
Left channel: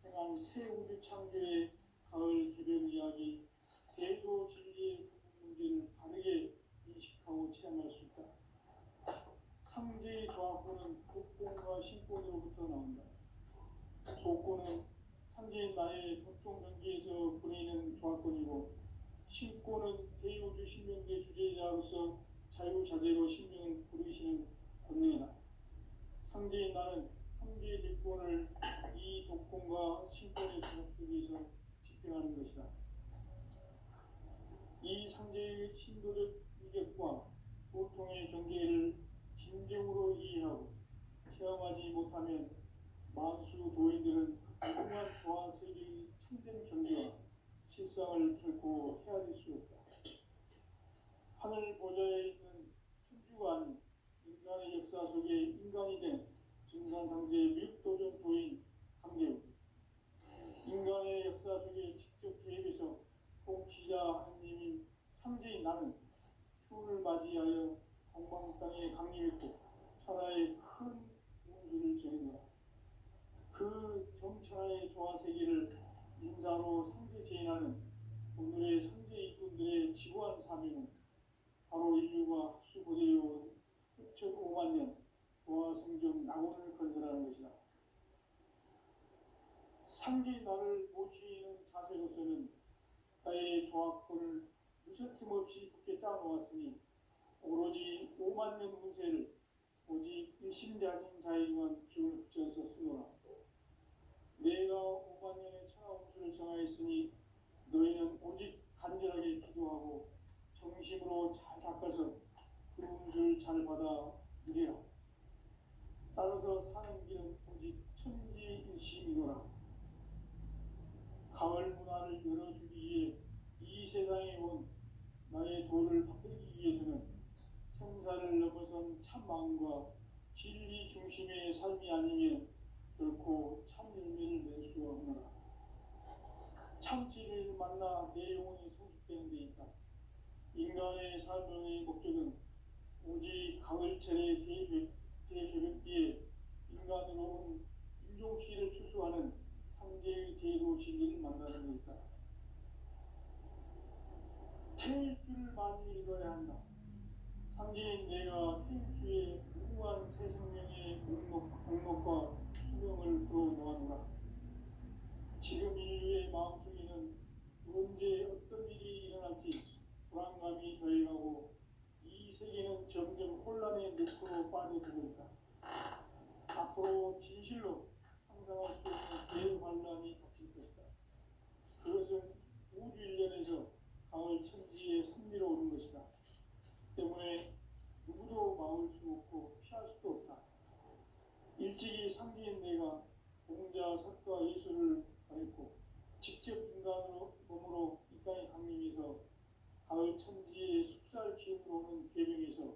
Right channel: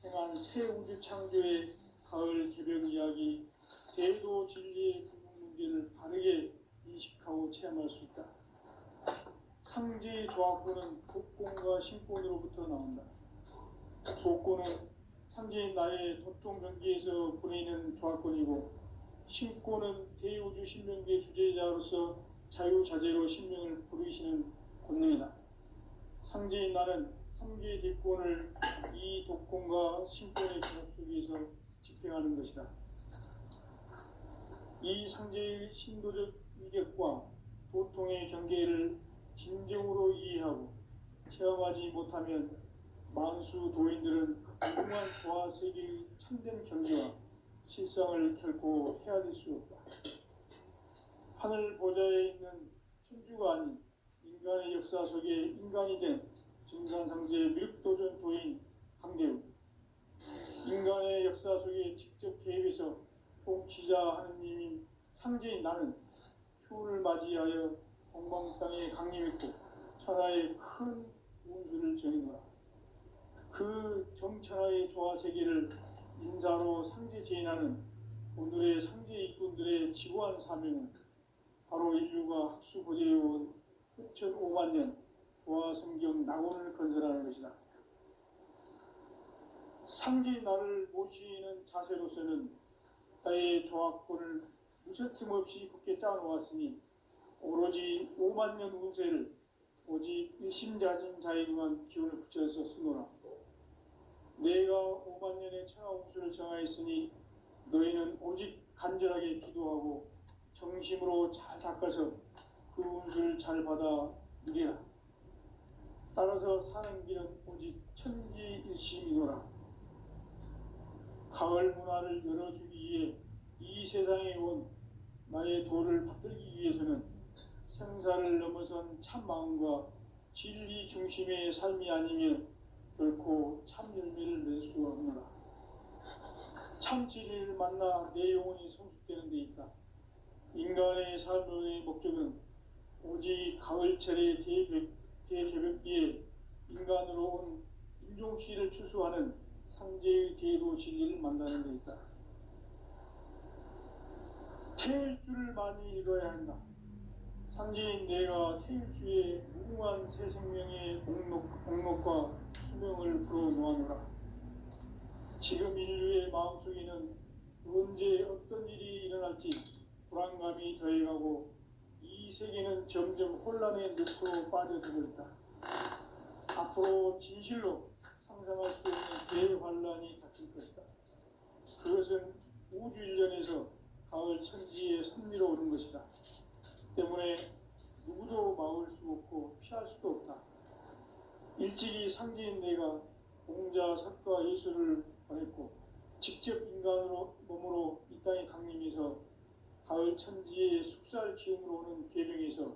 행한 새 우주 창조의 가을 개벽 이야기, 대도 진리의 궁극 문제를 바르게 인식하고 체험할 수 있다. 상제의 조합권은 독권과 신권으로부터 나온다. 독권은 상제인 나의 도통 변기에서 부리는 조합권이고, 신권은 대우주 신명기의 주제자로서 자유자재로 신명을 부르시는 권능이다. 상제인 나는 3개의 대권을 이 독권과 신권의 결합 속에서 집행하는 것이다. 이 상제의 신도적 위격과 도통의 경계를 진정으로 이해하고 체험하지 못하면 만수 도인들은 무궁한 조화 세계의 참된 경계와 실상을 결코 헤아릴 수 없다. 하늘 보좌에 있는 천주가 아닌 인간의 역사 속에 인간이 된 증산상제 미륵도전 도인 강대우, 인간의 역사 속에 직접 개입해서 통치자 하느님인 상제인 나는 추운을 맞이하여 동방 땅에 강림했고 천하의 큰 운수를 정해놓아 그 정천하의 조화 세계를 인사로 상제 제인하는 오늘의 상제 일꾼들의 지구한 사명은 바로 인류가 학수고대해온 6,500만 년 조화 성경 낙원을 건설하는 것이다. 상제인 나를 모시는 자세로서는 나의 조합권을 무쇠틈 없이 굳게 짜놓았으니 오로지 5만 년 운세를 오직 일심자진 자에게만 기운을 붙여서 쓰노라. 내가 5만 년의 천하 운수를 정하였으니 너희는 오직 간절하게 기도하고 정심으로 잘 닦아서 그 운수를 잘 받아 누리라. 따라서 사는 길은 오직 천지일심이노라. 가을 문화를 열어주기 위해 이 세상에 온 나의 도를 받들기 위해서는 생사를 넘어선 참 마음과 진리 중심의 삶이 아니면 결코 참 열매를 낼 수 없노라. 참 진리를 만나 내 영혼이 성숙되는 데 있다. 인간의 삶의 목적은 오직 가을철의 대개벽기에 인간으로 온 인종시를 추수하는 상제의 대도 진리를 만나는 데 있다. 태일주를 많이 읽어야 한다. 상제인 내가 태일주의 무궁한 새 생명의 목록과 수명을 풀어놓아노라. 지금 인류의 마음속에는 언제 어떤 일이 일어날지 불안감이 더해가고 이 세계는 점점 혼란의 늪으로 빠져들고 있다. 앞으로 진실로 상상할 수 없는 대환란이 닥칠 것이다. 그것은 우주 일련에서 가을 천지에 선미로 오는 것이다. 때문에 누구도 막을 수 없고 피할 수도 없다. 일찍이 상제인 내가 공자, 석가, 예수를 보냈고 직접 인간으로 몸으로 이 땅에 강림해서 가을 천지의 숙살 기운으로 오는 계명에서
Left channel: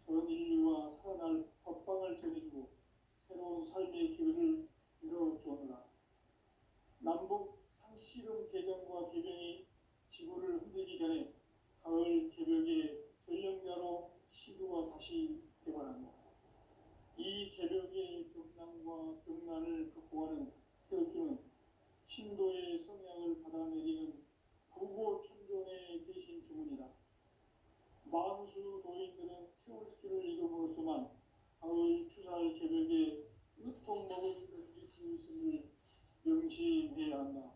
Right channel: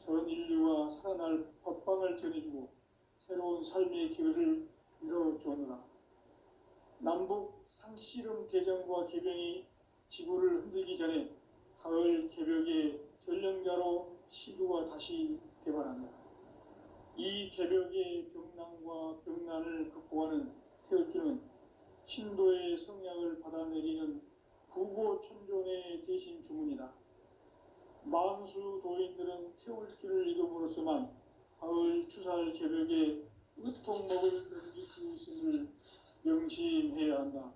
전 인류가 살아날 법방을 전해주고 새로운 삶의 기회를 이뤄주노라. 남북 상씨름 대전과 개병이 지구를 흔들기 전에 가을 개벽의 전령자로 시구가 다시 개발한다. 이 개벽의 병난과 병난을 극복하는 태어주는 신도의 성약을 받아내리는 구고천존의 대신 주문이다. 만수 도인들은 태울 줄을 이름으로서만 가을 추살 개벽에 으통목을 넘길 수 있음을 명심해야 한다.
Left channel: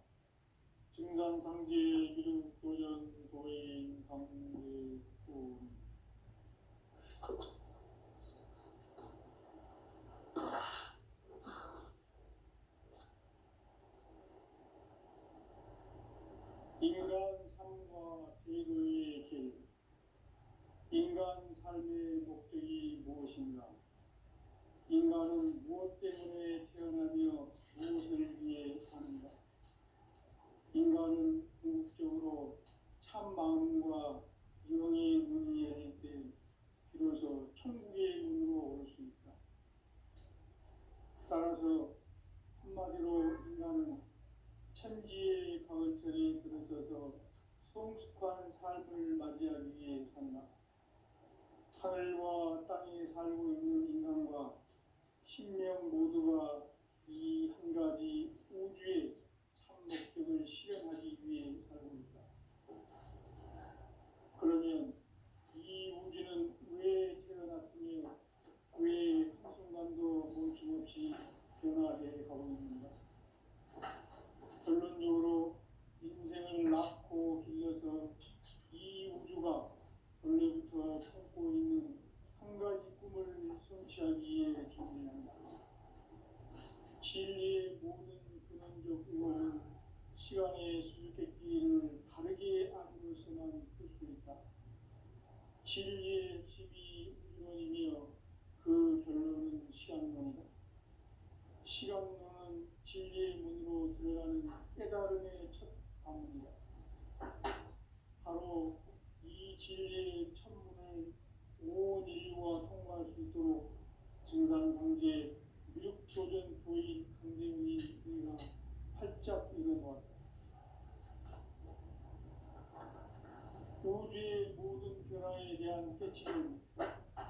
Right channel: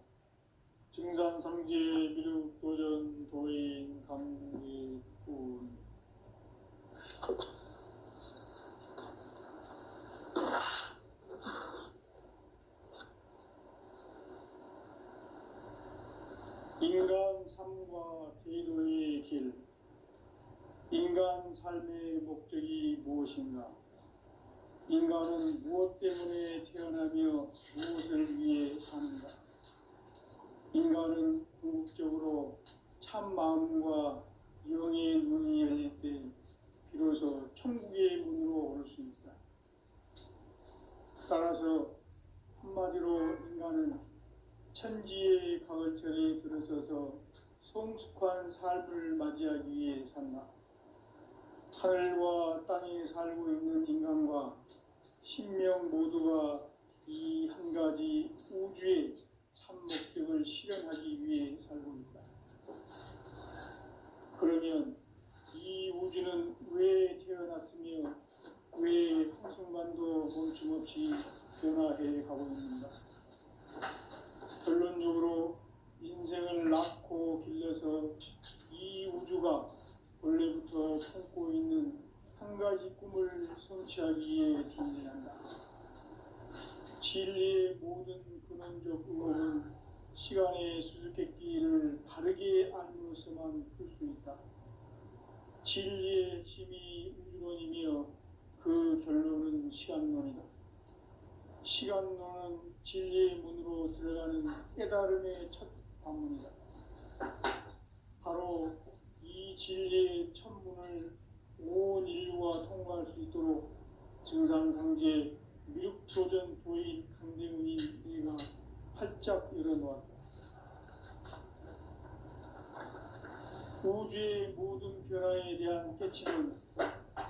증산상제 미륵도전 도인 강계군. 인간 삶과 제도의 길. 인간 삶의 목적이 무엇인가? 인간은 무엇 때문에 태어나며 무엇을 위해 사는가? 인간은 궁극적으로 참 마음과 영의 문이 열릴 때 비로소 천국의 문으로 올 수 있다. 따라서 한마디로 인간은 천지의 가을철에 들어서서 성숙한 삶을 맞이하기 위해 산다. 하늘과 땅에 살고 있는 인간과 신명 모두가 이 한 가지 우주의 참 목적을 실현하기 위해 살고 있다. 그러면 이 우주는 왜 태어났으며 왜 한순간도 멈춤없이 변화해 가고 있는가? 결론적으로 인생을 낳고 길러서 이 우주가 원래부터 품고 있는 한 가지 꿈을 성취하기 위해 존재한다. 진리의 모든 근원적 의혹은 시간의 수수께끼를 바르게 알므로서만 풀 수 있다. 진리의 핵심이 우주론이며 그 결론은 시간론이다. 시간론은 진리의 문으로 들어가는 깨달음의 첫 방문이다. 바로 이 진리의 첫 문을 온 인류가 통과할 수 있도록 증산상제 미륵도전 도인 강대훈이 내가 활짝 열어놓았다. 우주의 모든 변화에 대한 깨침은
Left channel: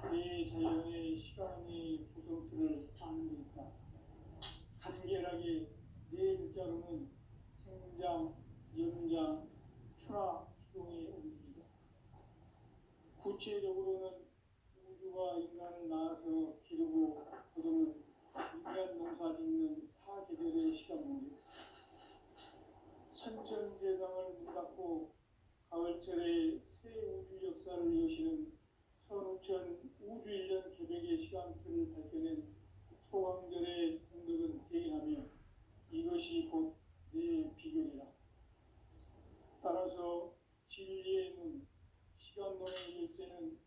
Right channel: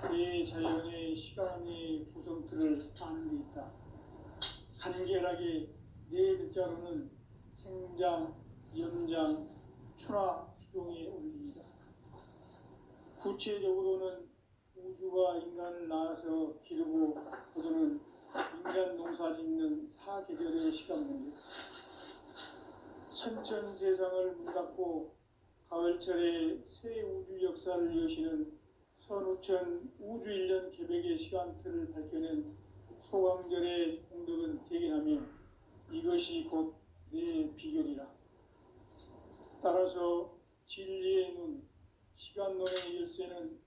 대자연의 시간의 구성틀을 아는 데 있다. 간결하게 네 글자로는 생장, 연장, 추나 추동의 원리이다. 구체적으로는 우주가 인간을 낳아서 기르고 거두는 인간 농사 짓는 사계절의 시간 문제. 선천 세상을 문 닫고 가을철에 새 우주 역사를 여시는 선우천 우주 1년 개벽의 시간틀을 밝혀낸 소강절의 공덕은 대견하며 이것이 곧 내 비결이라. 따라서 진리의 문, 시간론의 열쇠는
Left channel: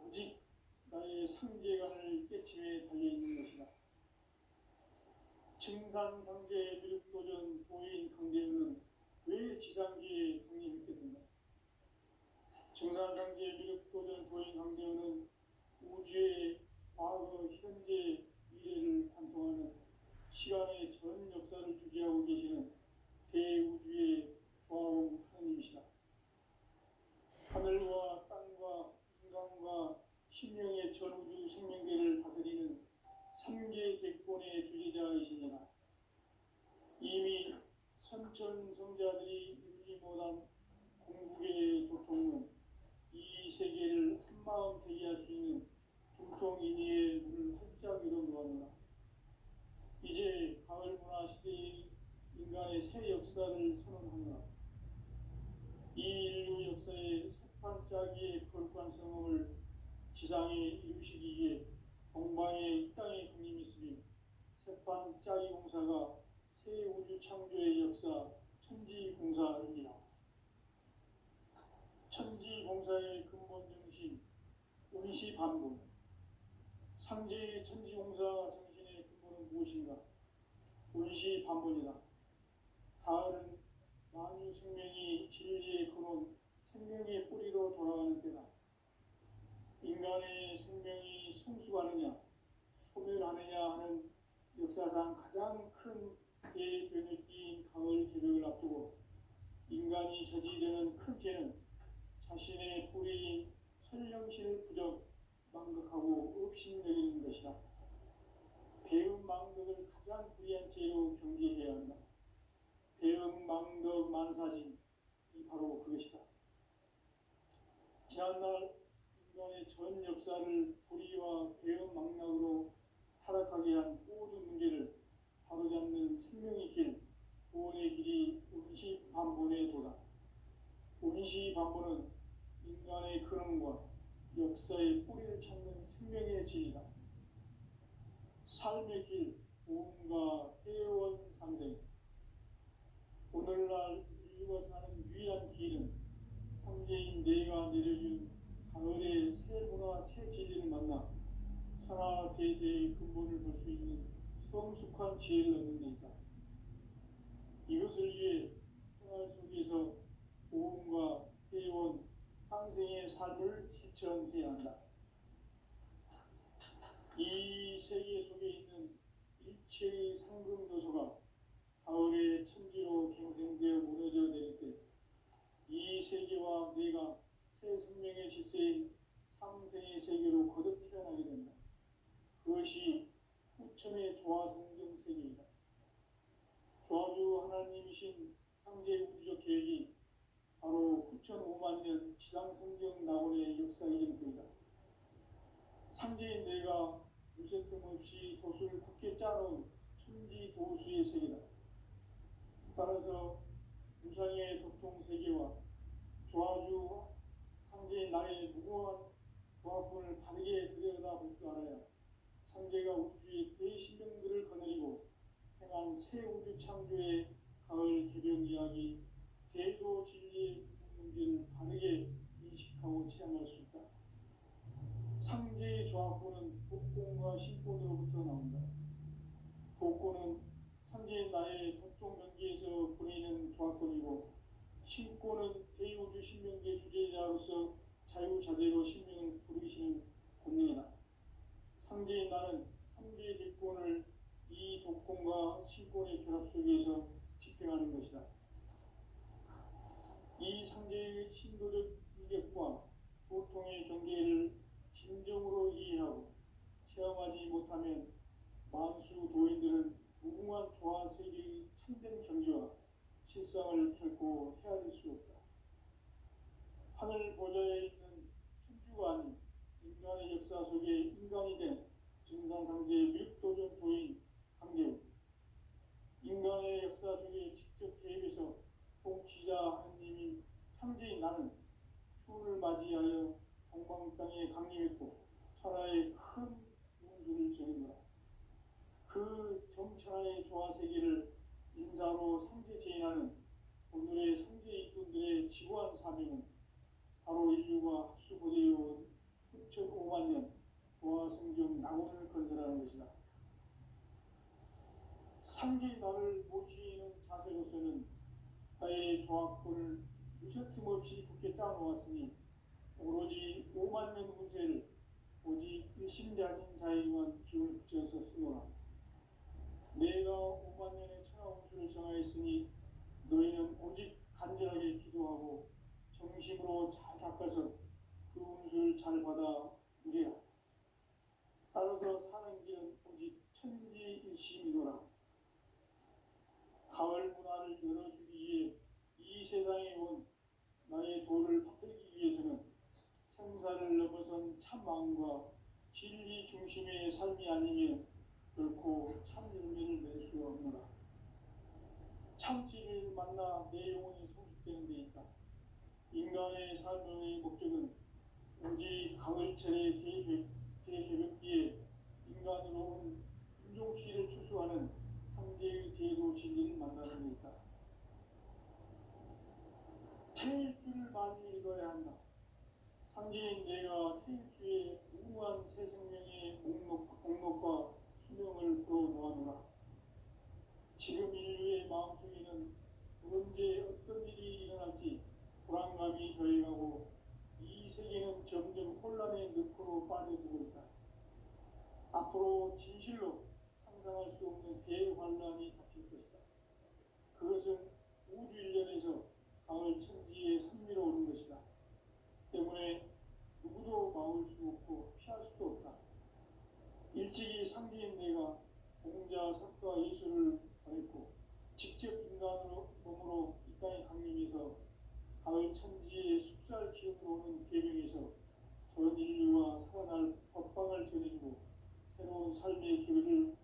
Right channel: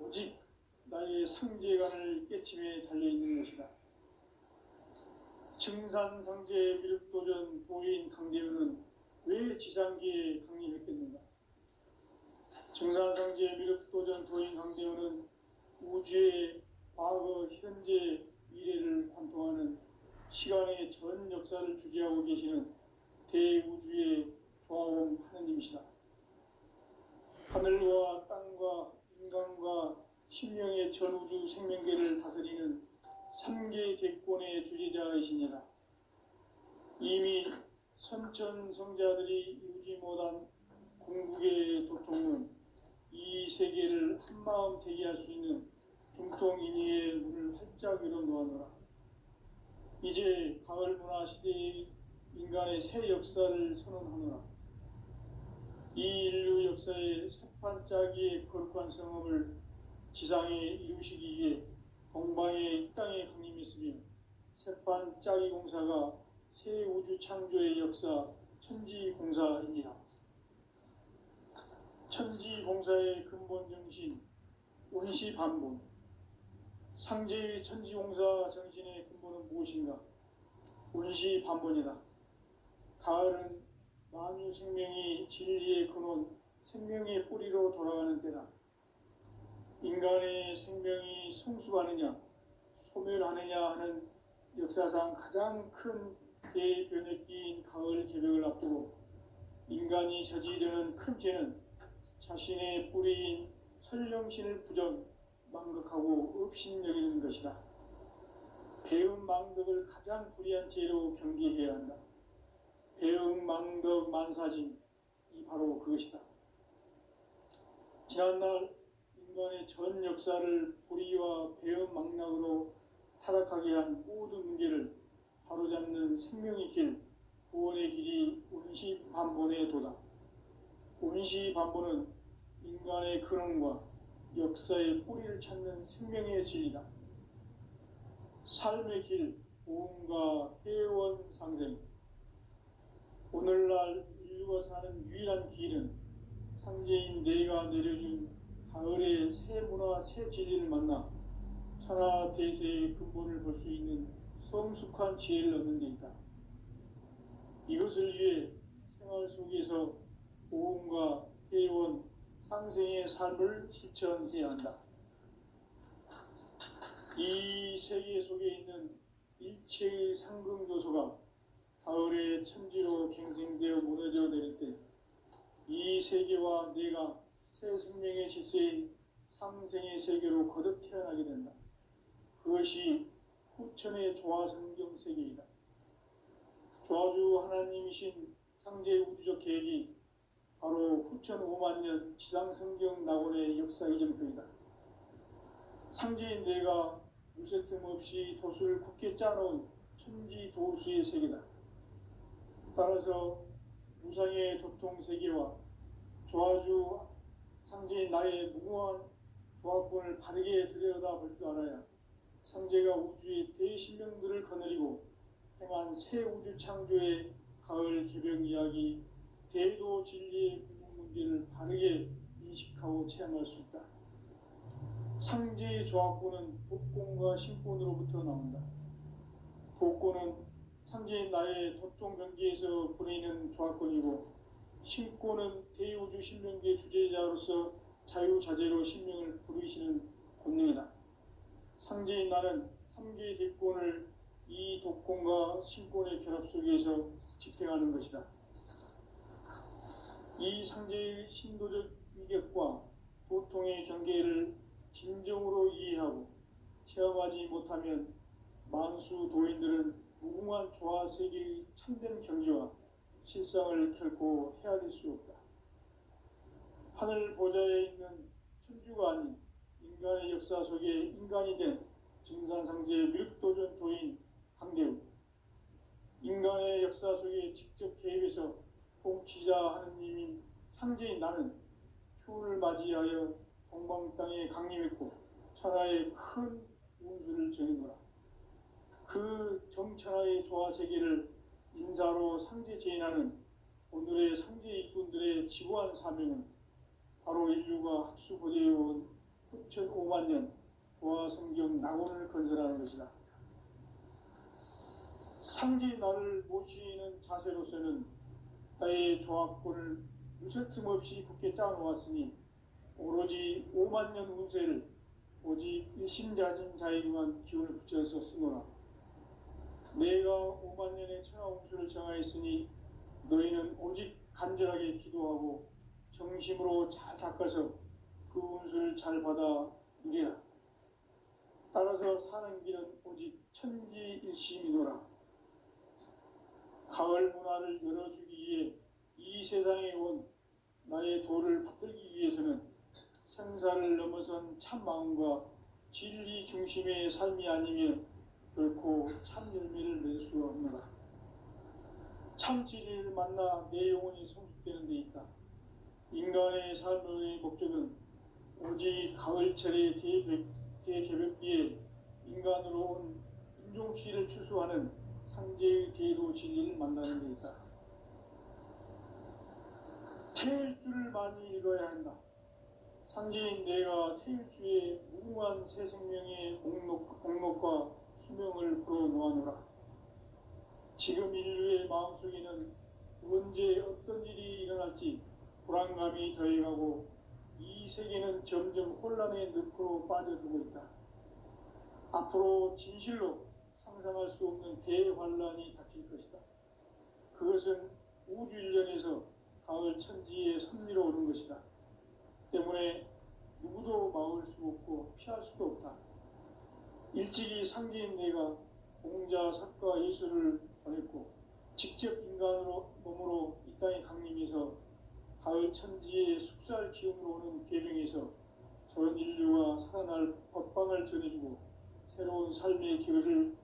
오직 나의 상제관을 깨침에 달려있는 것이다. 증산상제 미륵도전 도인 강대훈은 왜 지상기에 강림했겠는가? 증산상제 미륵도전 도인 강대훈은 우주의 과거, 현재, 미래를 관통하는 시간의 전 역사를 주재하고 계시는 대우주의 조화원 하느님이시다. 하늘과 땅과 인간과 신명의 전우주 생명계를 다스리는 3계 객권의 주재자이시니라. 이미 선천성자들이 이루지 못한 궁극의 도통은 이 세계를 한마음 되게 할 수 있는 중통인의의 문을 활짝 열어놓아노라. 이제 가을 문화 시대의 인간의 새 역사를 선언하노라. 이 인류 역사의 새판짜기의 거룩한 성험을 지상에 이루시기 위해 동방의 이 땅에 강림했으며 새판짜기 공사가 새 우주 창조의 역사 천지공사이니라. 천지공사의 근본 정신 운시반본. 상제의 천지공사 정신의 근본은 무엇인가? 운시반본이다. 가을은 만유 생명이 진리의 근원, 생명의 뿌리로 돌아가는 때다. 인간의 생명이 성숙하느냐, 소멸하느냐 하는 역사상 가장 큰 대변혁기인 가을 개벽을 앞두고 인간이 저지르는 큰 죄는 자신의 뿌리인 설령신을 부정, 망극하고 업신여기는 것이다. 배움 망덕을 가장 불의한 죄로 경계해야 한다. 배움 망덕 만사진, 이 바로 그것이다. 지난날 인간의 전 역사를 불의와 배은망락으로 타락하게 한 모든 문제를 바로잡는 생명의 길, 구원의 길이 운시반본의 도다. 운시반본은 인간의 근원과 역사의 뿌리를 찾는 생명의 진리다. 삶의 길, 보험과 회원 상생. 오늘날 인류가 사는 유일한 길은 삼재인 내가 내려준 가을의 새 문화 새 진리를 만나 천하 대세의 근본을 볼 수 있는 성숙한 지혜를 얻는 데 있다. 이것을 위해 생활 속에서 보험과 회원, 상생의 삶을 실천해야 한다. 이 세계 속에 있는 일체의 상승도소가 가을의 천지로 갱생되어 무너져 내릴 때 이 세계와 내가 새 생명의 질서인 상생의 세계로 거듭 태어나게 된다. 그것이 후천의 조화성경 세계이다. 조화주 하나님이신 상제 우주적 계획이 바로 후천 5만 년 지상성경 낙원의 역사 이정표이다. 상제인 내가 무쇠 틈 없이 도수를 굳게 짜놓은 천지 도수의 세계다. 따라서 무상의 도통 세계와 조화주 상제인 나의 무궁한 조합권을 바르게 들여다볼 줄 알아야 상제가 우주의 대신명들을 거느리고 행한 새 우주 창조의 가을 개벽 이야기, 대도 진리의 궁극 문제를 바르게 인식하고 체험할 수 있다. 상제의 조합권은 복권과 신권으로부터 나온다. 복권은 상제인 나의 도통 경계에서 보내는 조합권이고, 신권은 대우주 신명계 주제자로서 자유자재로 신명을 부르시는 권능이다. 상제인 나는 3개의 대권을 이 독권과 신권의 결합 속에서 집행하는 것이다. 이 상제의 신도적 위격과 보통의 경계를 진정으로 이해하고 체험하지 못하면 만수 도인들은 무궁한 조화세계의 참된 경지와 실상을 결코 헤아릴 수 없다. 하늘 보좌에 있는 천주가 아닌 인간의 역사 속에 인간이 된 증산상제 미륵도전 도인 강대우, 인간의 역사 속에 직접 개입해서 통치자 하느님인 상제인 나는 추운을 맞이하여 동방 땅에 강림했고 천하의 큰 운수를 정했노라. 그 정천하의 조화세계를 인사로 상제 제인하는 오늘의 상제 일꾼들의 지구한 사명은 바로 인류가 합수보내어온 후천 5만 년 조화성경 낙원을 건설하는 것이다. 상제 나를 모시는 자세로서는 나의 조합권을 무쇠틈 없이 굳게 짜놓았으니 오로지 5만 년 운세를 오직 일심자진 자에게만 기운을 붙여서 쓰노라. 내가 5만 년의 천하 운수를 정하였으니 너희는 오직 간절하게 기도하고 정심으로 잘 닦아서 그 운수를 잘 받아 누리라. 따라서 사는 길은 오직 천지일심이노라. 가을 문화를 열어주기 위해 이 세상에 온 나의 도를 받들기 위해서는 생사를 넘어선 참 마음과 진리 중심의 삶이 아니면 결코 참 열매를 맺을 수 없노라. 참 진리를 만나 내 영혼이 성숙되는 데 있다. 인간의 삶의 목적은 오직 가을철의 대개벽기에 인간으로 온 인종시를 추수하는 상제의 대도 진리를 만나는 데 있다. 태일주를 많이 읽어야 한다. 상제인 내가 태일주의 무궁한 새 생명의 목록과 수명을 불어놓아노라. 지금 인류의 마음속에는 언제 어떤 일이 일어날지 불안감이 더해가고 이 세계는 점점 혼란의 늪으로 빠져들고 있다. 앞으로 진실로 상상할 수 없는 대환란이 닥칠 것이다. 그것은 우주 일련에서 가을 천지의 섭리로 오는 것이다. 때문에 누구도 막을 수 없고 피할 수도 없다. 일찍이 상제인 내가 공자, 석가, 예수를 보냈고 직접 인간으로 몸으로 이 땅에 강림해서 가을 천지의 숲살 기운으로 오는 계명에서 전 인류가 살아날 법방을 전해주고 새로운 삶의 기회를